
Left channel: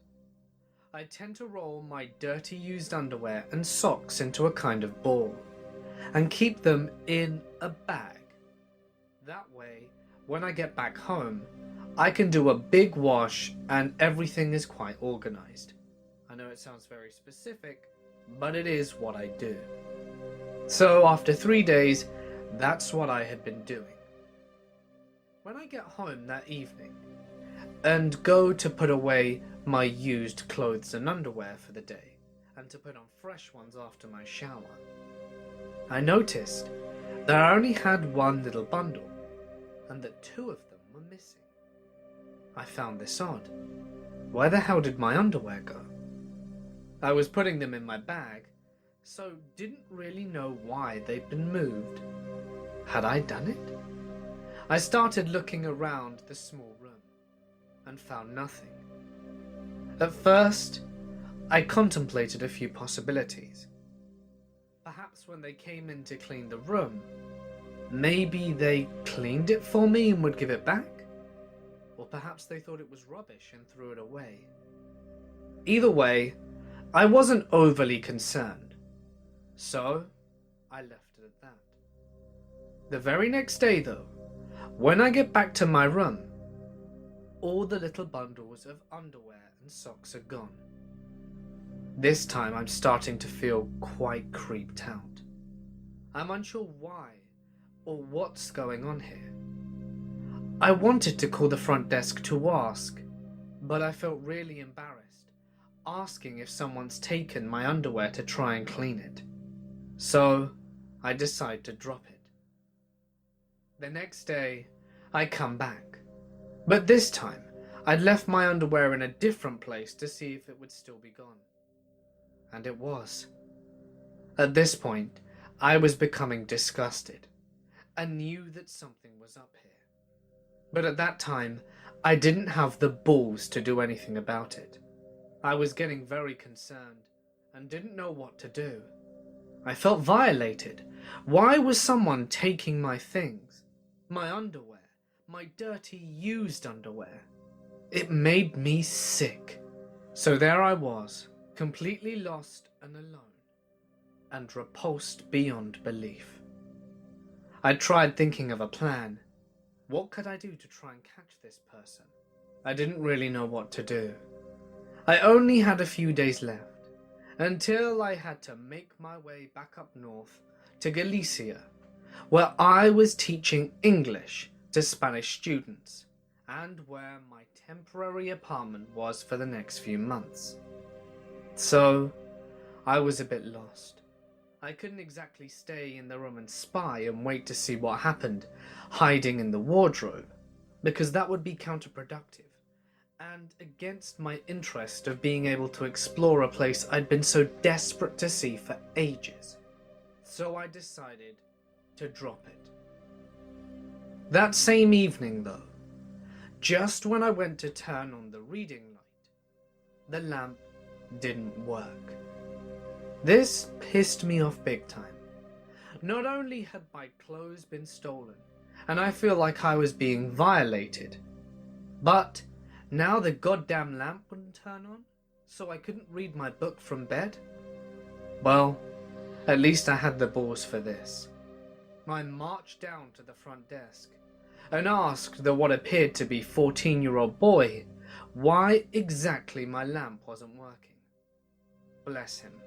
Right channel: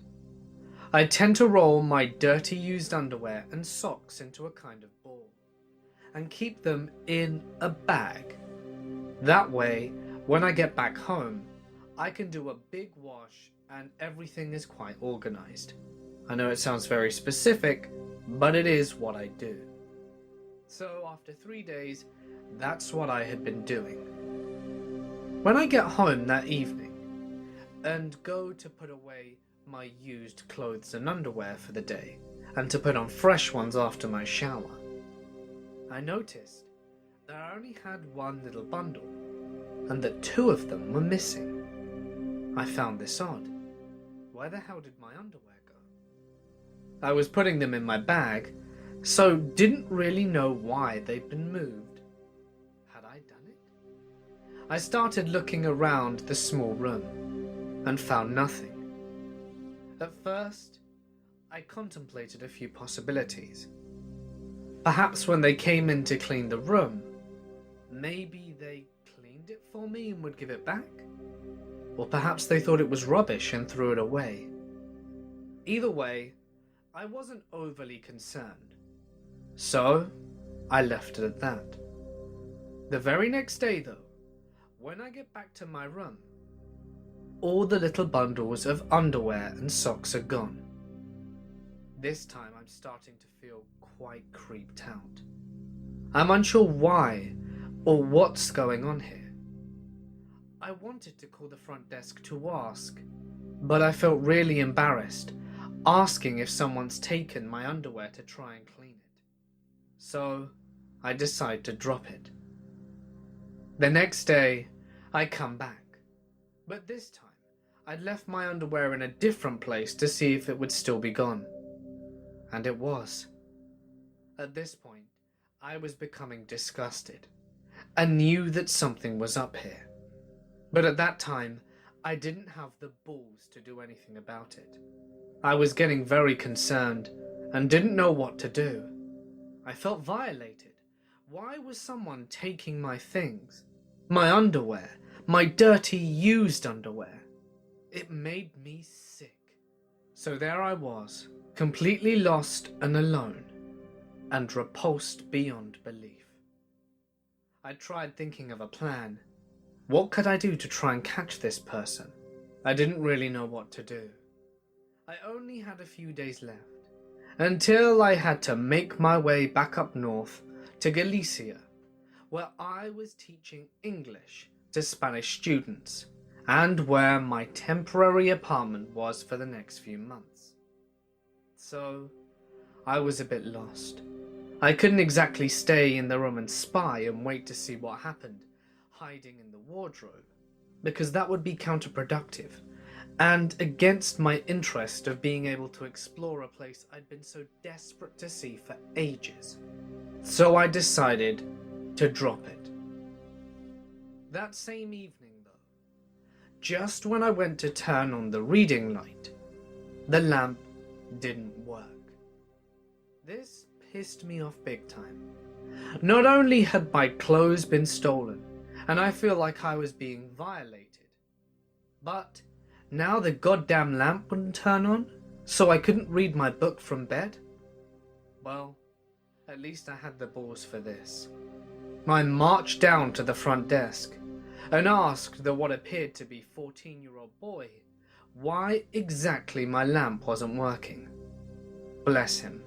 I tend to roll my dirty used underwear and socks into a kind of ball, and keep them in a bag. That way, when I get back home, I can do a big wash and everything is quite organized. I know it sounds very specific, but it is what I do. So after 3 days, that's what I had been doing. When I get home that evening and go to put away my used clothes and underwear for the day and to put on fresh ones after my shower, I noticed that I only had one little bundle and that 2 of them were missing. I found this odd. Where the hell did my underwear go? I was putting them in my bag, so didn't really know why they'd been moved. Had I done it? I started looking around the small room and found nothing. At first, I contemplated a few possibilities. Perhaps when they came in to clean the room, maybe they cleaned it for me and would give it back? Or perhaps they thought it was rubbish and threw it away. Either way, I wasn't overly concerned, so I left it at that. The very next day though, when I get back to my room, all the little bundles of underwear and socks are gone. This time I'm starting to feel quite creeped out. I'm unsure why or what's going on here. I wanted to call the front desk to ask, but I felt really embarrassed asking if someone's taken my underwear to try and clean it. So I decide to drop it. The next day I come back, but this time I'd left my underwear in a different place to see if it would still be gone. And it was. At this point, I was becoming disgusted and knew that something was up here. But at that time, I didn't have the balls to do anything about it. I was getting very concerned and didn't know what to do. I felt violated. Why was someone taking my things? My underwear, my dirty used underwear. It made me sick. So there I was, completely lost and alone, and repulsed beyond belief. I tried thinking of a plan. What could I do to try and catch this person? I didn't really know what to do. I only had a few days left, until I had to make my way back up north to Galicia, where I was teaching English to Spanish students, and where my temporary apartment was for the next few months. So, I was a bit lost. I couldn't exactly stay in the room and spy and wait to see what happened, hiding in the wardrobe, because that would be counterproductive, and against my interest of being able to explore a place I'd been so desperate to see for ages. So I decided to drop it. That same evening though, just when I went to turn on the reading light, the lamp didn't work. This pissed me off big time. Not only had my clothes been stolen, and I feel like I was being violated, but now the goddamn lamp wouldn't turn on, so I couldn't read my book from bed? Well, at least I had the balls for this. I marched down to the front desk and asked the what appeared to be 14-year-old boy why exactly my lamp wasn't working. Bless him,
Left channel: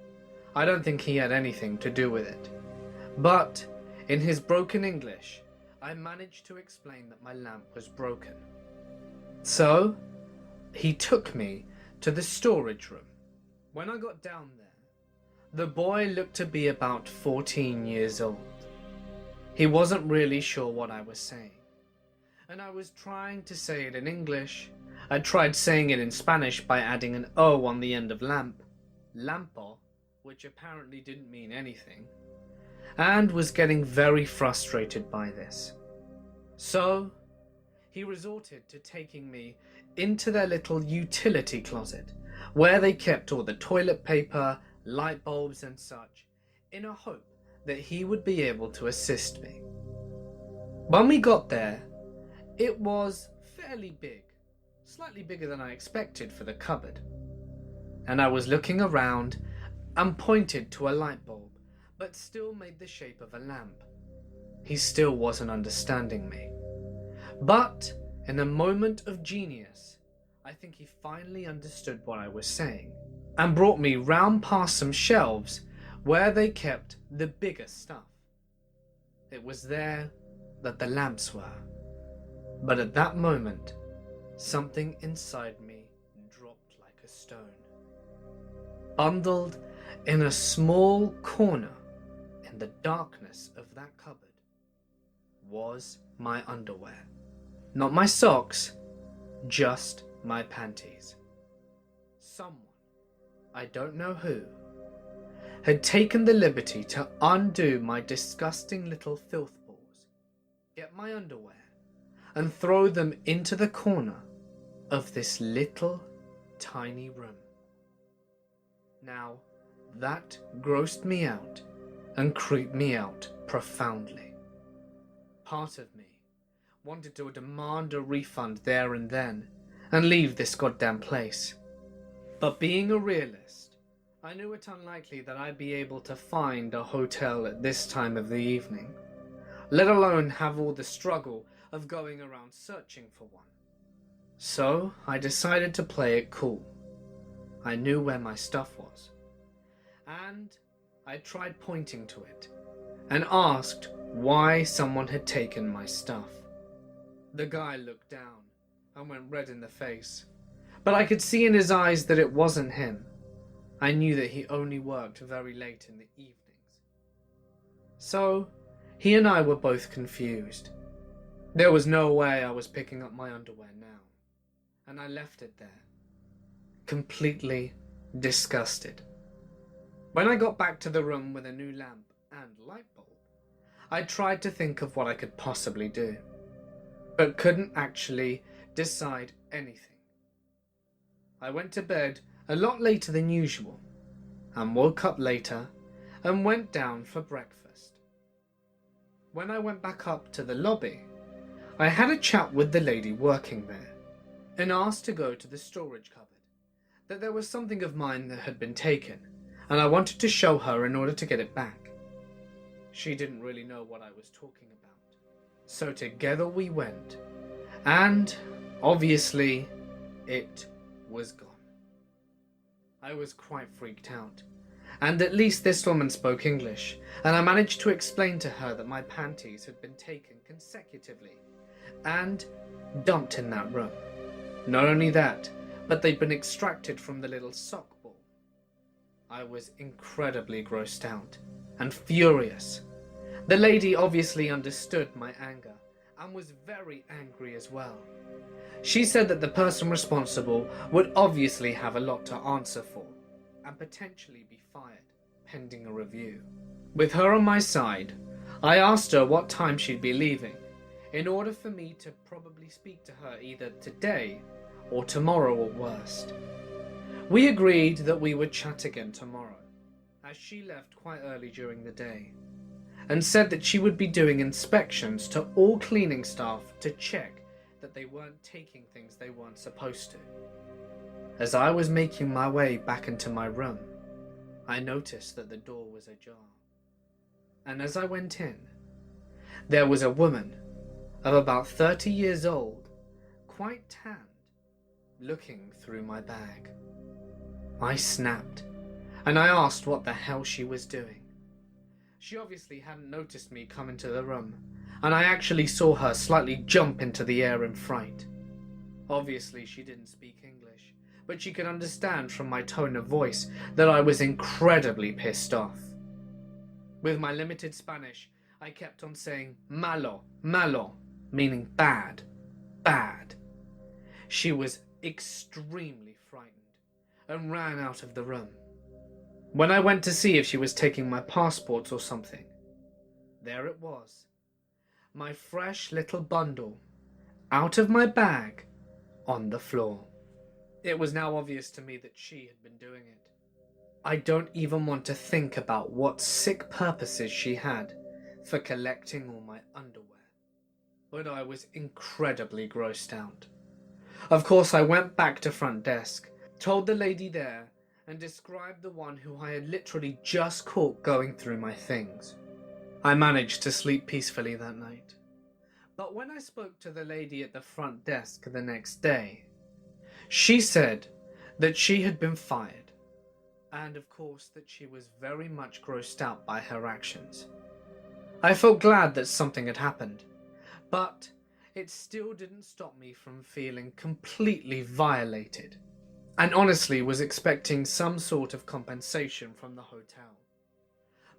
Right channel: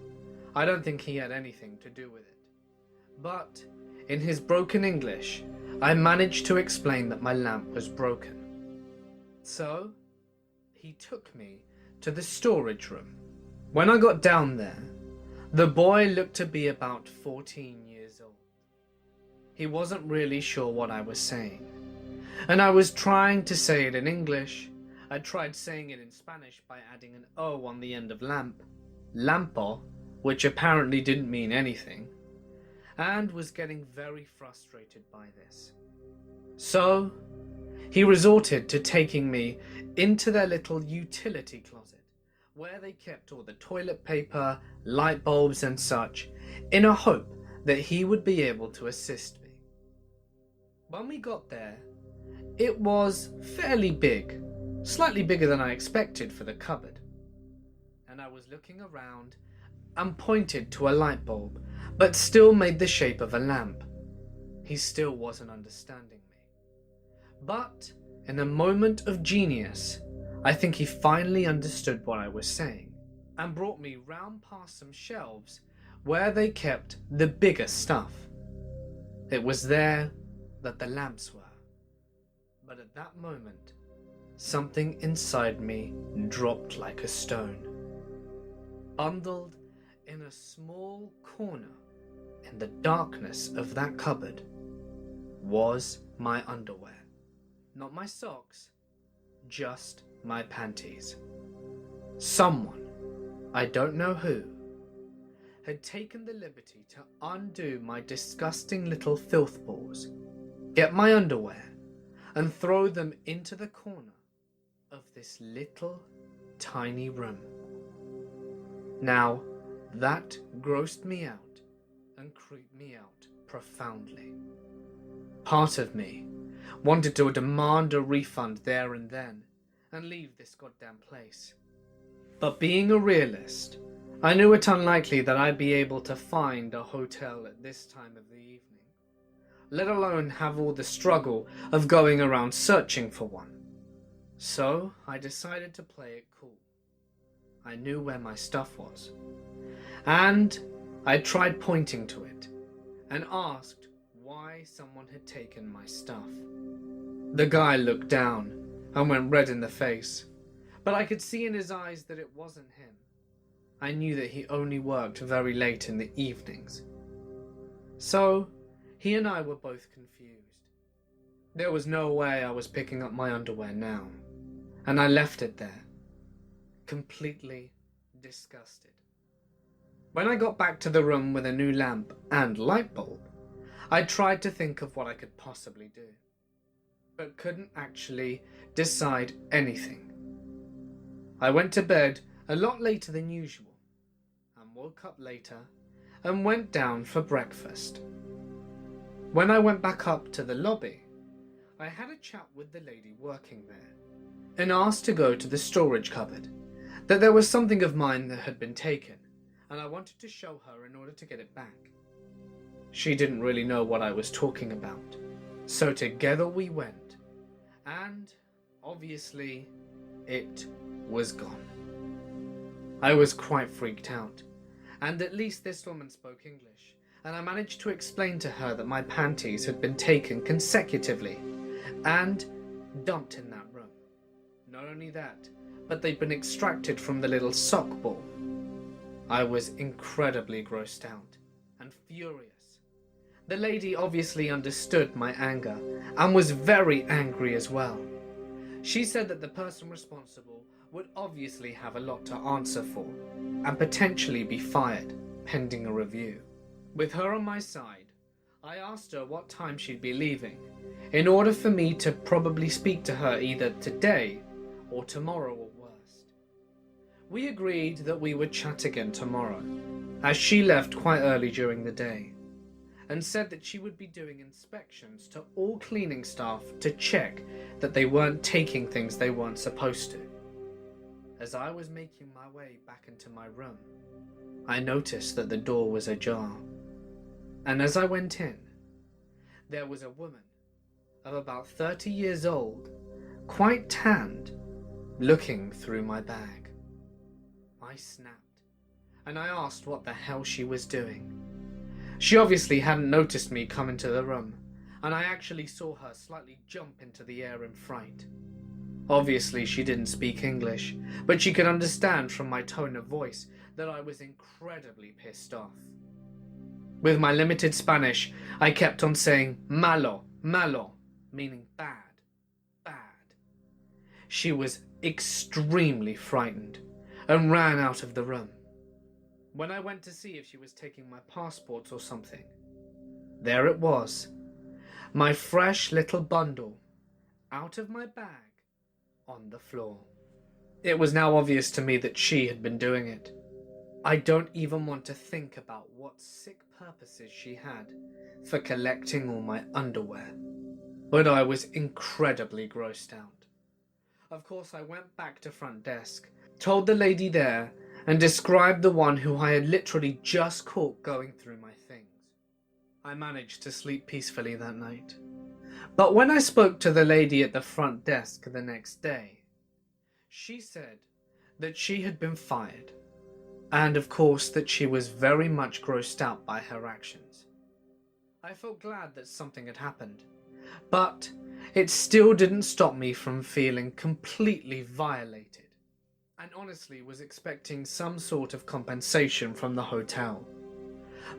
I don't think he had anything to do with it. But in his broken English, I managed to explain that my lamp was broken. So he took me to the storage room. When I got down there, the boy looked to be about 14 years old. He wasn't really sure what I was saying, and I was trying to say it in English. I tried saying it in Spanish by adding an O on the end of lamp, lampo, which apparently didn't mean anything, and was getting very frustrated by this. So he resorted to taking me into their little utility closet, where they kept all the toilet paper, light bulbs and such, in a hope that he would be able to assist me. When we got there, it was fairly big, slightly bigger than I expected for the cupboard, and I was looking around and pointed to a light bulb, but still made the shape of a lamp. He still wasn't understanding me. But in a moment of genius, I think he finally understood what I was saying, and brought me round past some shelves where they kept the bigger stuff. It was there that the lamps were. But at that moment, something inside me dropped like a stone. Bundled in a small corner in the darkness of that cupboard was my underwear. Not my socks, just my panties. Someone, I don't know who, had taken the liberty to undo my disgusting little filth balls, get my underwear, and throw them into the corner of this little tiny room. Now, that grossed me out and creeped me out profoundly. Part of me wanted to demand a refund there and then and leave this goddamn place. But being a realist, I knew it unlikely that I'd be able to find a hotel at this time of the evening, let alone have all the struggle of going around searching for one. So I decided to play it cool. I knew where my stuff was, and I tried pointing to it and asked why someone had taken my stuff. The guy looked down and went red in the face, but I could see in his eyes that it wasn't him. I knew that he only worked very late in the evenings. So he and I were both confused. There was no way I was picking up my underwear now, and I left it there, completely disgusted. When I got back to the room with a new lamp and light bulb, I tried to think of what I could possibly do, but couldn't actually decide anything. I went to bed a lot later than usual, and woke up later and went down for breakfast. When I went back up to the lobby, I had a chat with the lady working there, and asked to go to the storage cupboard, that there was something of mine that had been taken, and I wanted to show her in order to get it back. She didn't really know what I was talking about, so together we went, and obviously it was gone. I was quite freaked out, and at least this woman spoke English, and I managed to explain to her that my panties had been taken consecutively and dumped in that room. Not only that, but they'd been extracted from the little sock ball. I was incredibly grossed out and furious. The lady obviously understood my anger and was very angry as well. She said that the person responsible would obviously have a lot to answer for and potentially be fired pending a review. With her on my side, I asked her what time she'd be leaving in order for me to probably speak to her either today or tomorrow at worst. We agreed that we would chat again tomorrow, as she left quite early during the day, and said that she would be doing inspections to all cleaning staff to check that they weren't taking things they weren't supposed to. As I was making my way back into my room, I noticed that the door was ajar, and as I went in, there was a woman of about 30 years old, quite tanned, looking through my bag. I snapped, and I asked what the hell she was doing. She obviously hadn't noticed me come into the room, and I actually saw her slightly jump into the air in fright. Obviously she didn't speak English, but she could understand from my tone of voice that I was incredibly pissed off. With my limited Spanish, I kept on saying malo, malo, meaning bad, bad. She was extremely frightened and ran out of the room. When I went to see if she was taking my passport or something, there it was, my fresh little bundle, out of my bag, on the floor. It was now obvious to me that she had been doing it. I don't even want to think about what sick purposes she had for collecting all my underwear, but I was incredibly grossed out. Of course, I went back to front desk, told the lady there, and described the one who I had literally just caught going through my things. I managed to sleep peacefully that night. But when I spoke to the lady at the front desk the next day, she said that she had been fired, and of course that she was very much grossed out by her actions. I felt glad that something had happened, but it still didn't stop me from feeling completely violated, and honestly was expecting some sort of compensation from the hotel.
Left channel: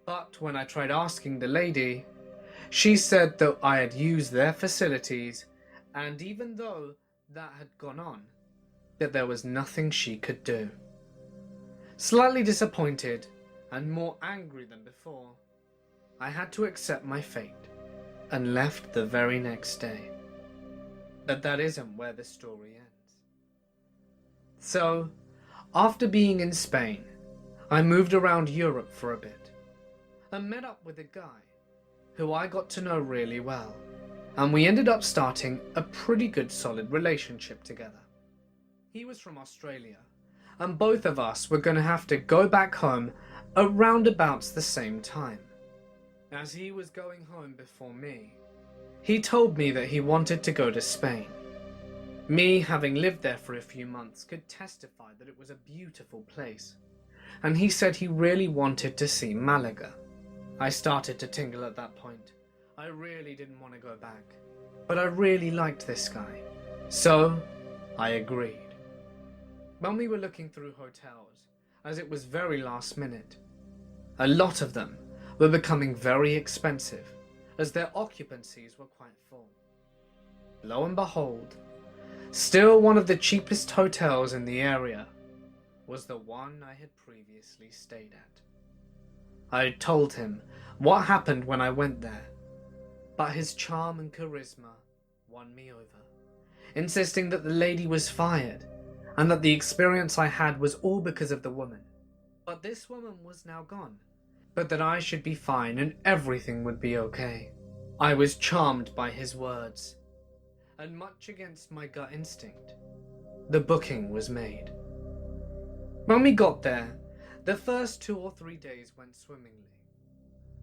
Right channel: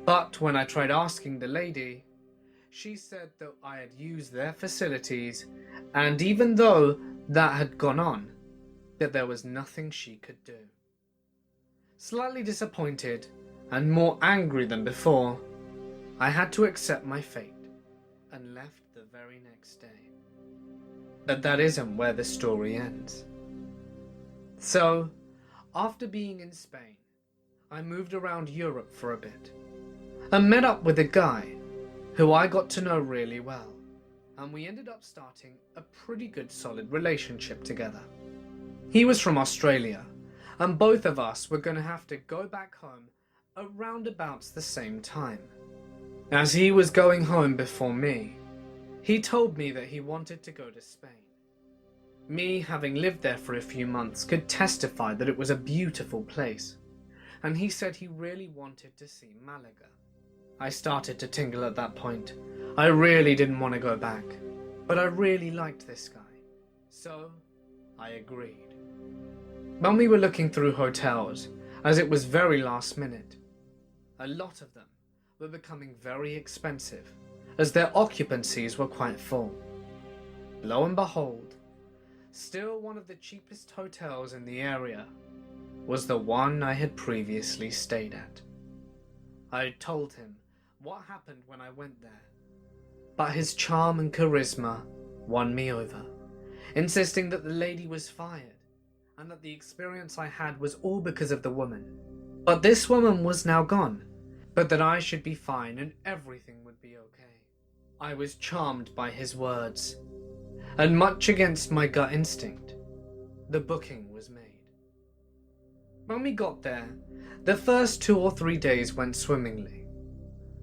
But when I tried asking the lady, she said that I had used their facilities, and even though that had gone on, that there was nothing she could do. Slightly disappointed and more angry than before, I had to accept my fate and left the very next day. But that isn't where the story ends. So, after being in Spain, I moved around Europe for a bit and met up with a guy who I got to know really well, and we ended up starting a pretty good solid relationship together. He was from Australia, and both of us were going to have to go back home around about the same time. As he was going home before me, he told me that he wanted to go to Spain. Me, having lived there for a few months, could testify that it was a beautiful place, and he said he really wanted to see Malaga. I started to tingle at that point. I really didn't want to go back, but I really liked this guy, so I agreed. When we were looking through hotels, as it was very last minute, a lot of them were becoming very expensive, as their occupancies were quite full. Lo and behold, still one of the cheapest hotels in the area was the one I had previously stayed at. I had told him what happened when I went there, but his charm and charisma won me over, insisting that the lady was fired and that the experience I had was all because of the woman. But this woman was now gone, but that I should be fine and everything would be okay. I was charmed by his words, and much against my gut instinct, the booking was made. When we got there, the first 2 or 3 days went swimmingly.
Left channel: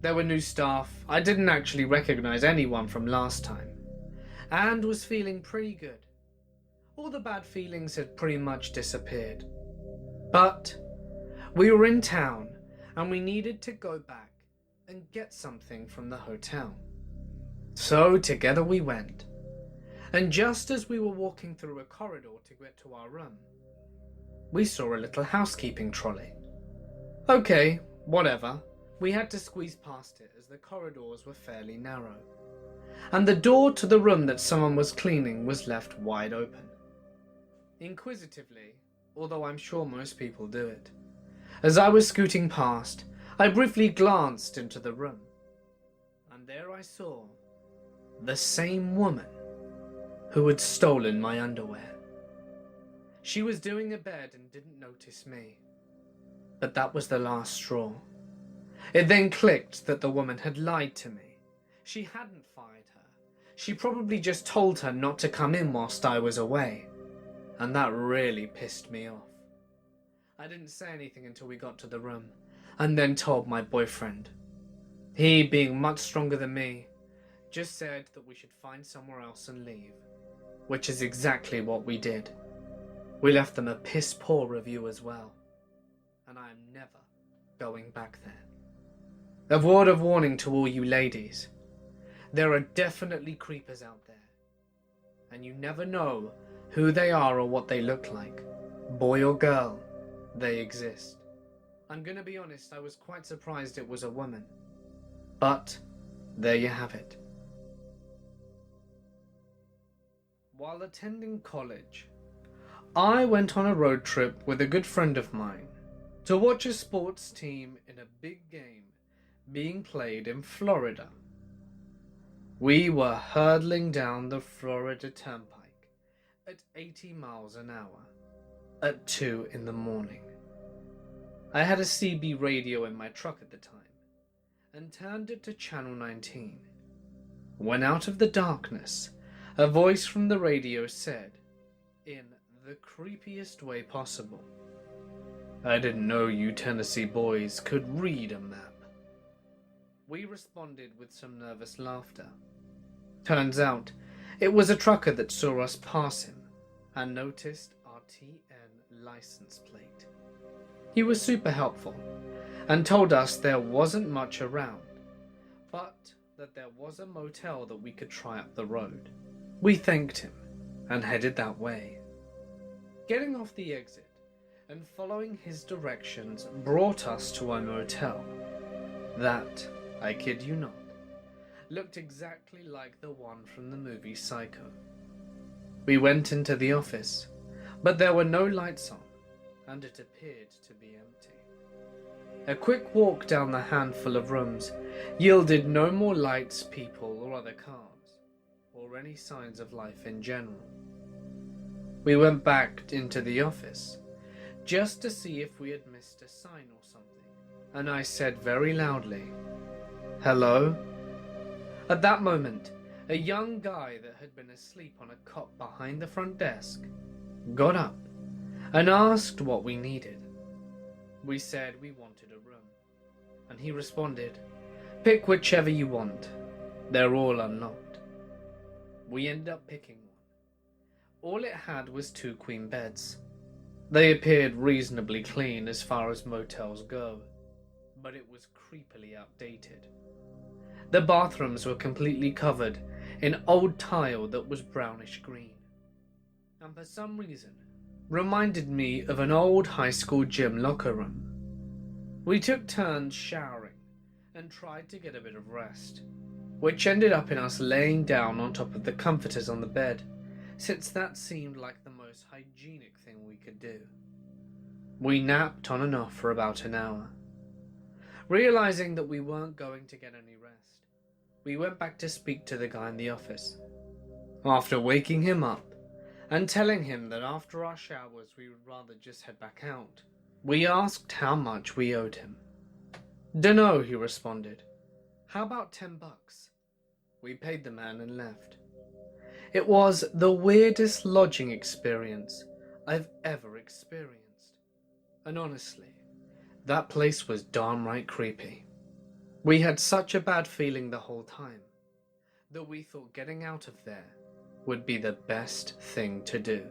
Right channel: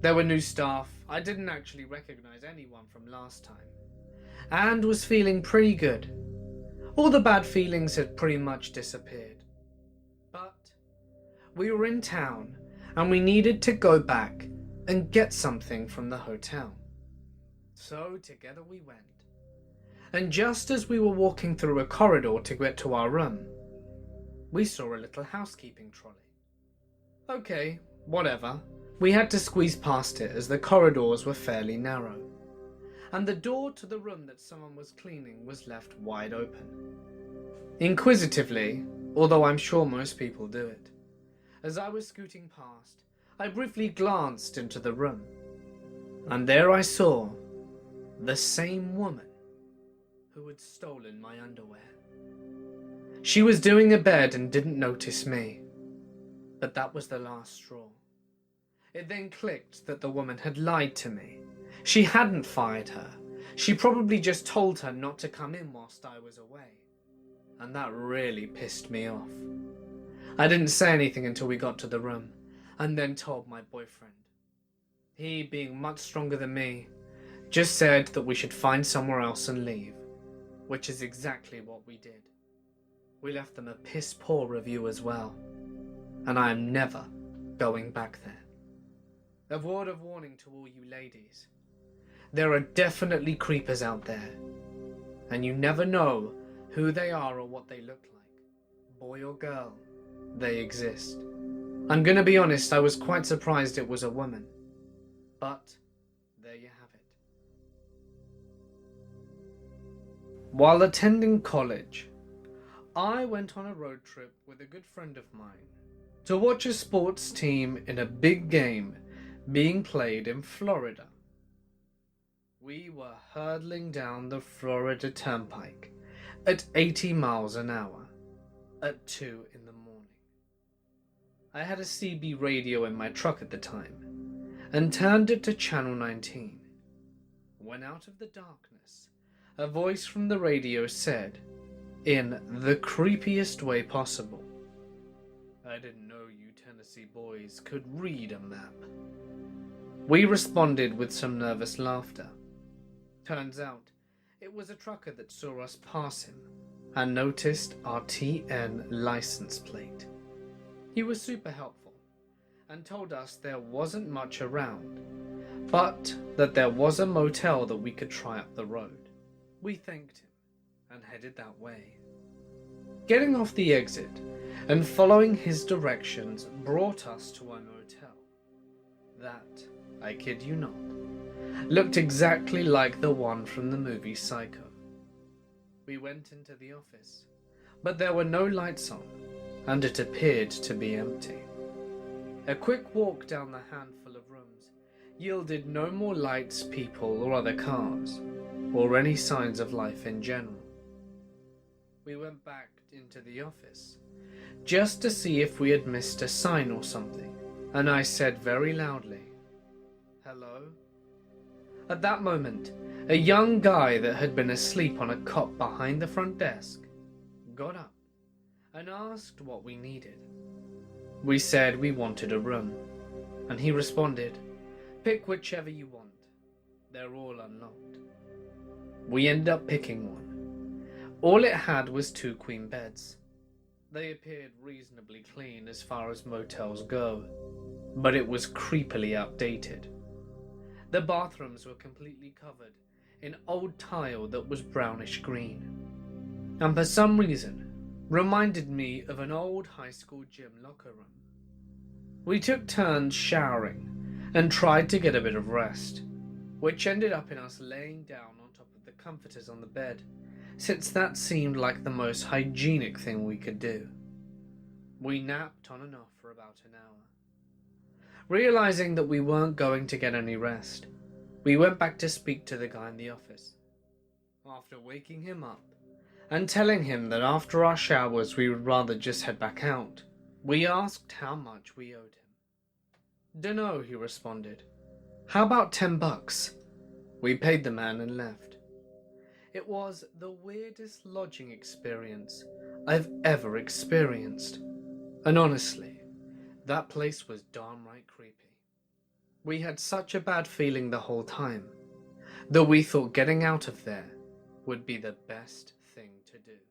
There were new staff, I didn't actually recognize anyone from last time, and was feeling pretty good. All the bad feelings had pretty much disappeared. But we were in town, and we needed to go back and get something from the hotel. So together we went, and just as we were walking through a corridor to get to our room, we saw a little housekeeping trolley. Okay, whatever. We had to squeeze past it as the corridors were fairly narrow. and the door to the room that someone was cleaning was left wide open. Inquisitively, although I'm sure most people do it, as I was scooting past, I briefly glanced into the room, and there I saw the same woman who had stolen my underwear. She was doing a bed and didn't notice me, but that was the last straw. It then clicked that the woman had lied to me. She hadn't fired her. She probably just told her not to come in whilst I was away, and that really pissed me off. I didn't say anything until we got to the room, and then told my boyfriend. He, being much stronger than me, just said that we should find somewhere else and leave, which is exactly what we did. We left them a piss-poor review as well, and I am never going back there. A word of warning to all you ladies. There are definitely creepers out there, and you never know who they are or what they look like. Boy or girl, they exist. I'm gonna be honest, I was quite surprised it was a woman. But there you have it. While attending college, I went on a road trip with a good friend of mine to watch a sports team in a big game being played in Florida. We were hurtling down the Florida Turnpike at 80 miles an hour at 2 in the morning. I had a CB radio in my truck at the time and turned it to channel 19. When out of the darkness, a voice from the radio said, in the creepiest way possible, "I didn't know you Tennessee boys could read a map." We responded with some nervous laughter. Turns out, it was a trucker that saw us pass him and noticed our TN license plate. He was super helpful and told us there wasn't much around, but that there was a motel that we could try up the road. We thanked him and headed that way. Getting off the exit and following his directions brought us to a motel that, I kid you not, looked exactly like the one from the movie Psycho. We went into the office, but there were no lights on, and it appeared to be empty. A quick walk down the handful of rooms yielded no more lights, people, or other cars, or any signs of life in general. We went back into the office, just to see if we had missed a sign or something, and I said very loudly, "Hello?" At that moment, a young guy that had been asleep on a cot behind the front desk got up and asked what we needed. We said we wanted a room, and he responded, "Pick whichever you want. They're all unlocked." We ended up picking one. All it had was 2 queen beds. They appeared reasonably clean as far as motels go, but it was creepily outdated. The bathrooms were completely covered in old tile that was brownish green, and for some reason reminded me of an old high school gym locker room. We took turns showering and tried to get a bit of rest, which ended up in us laying down on top of the comforters on the bed, since that seemed like the most hygienic thing we could do. We napped on and off for about an hour. Realizing that we weren't going to get any rest, we went back to speak to the guy in the office. After waking him up and telling him that after our showers we would rather just head back out, we asked how much we owed him. "Dunno," he responded. "How about $10? We paid the man and left. It was the weirdest lodging experience I've ever experienced, and honestly, that place was darn right creepy. We had such a bad feeling the whole time that we thought getting out of there would be the best thing to do.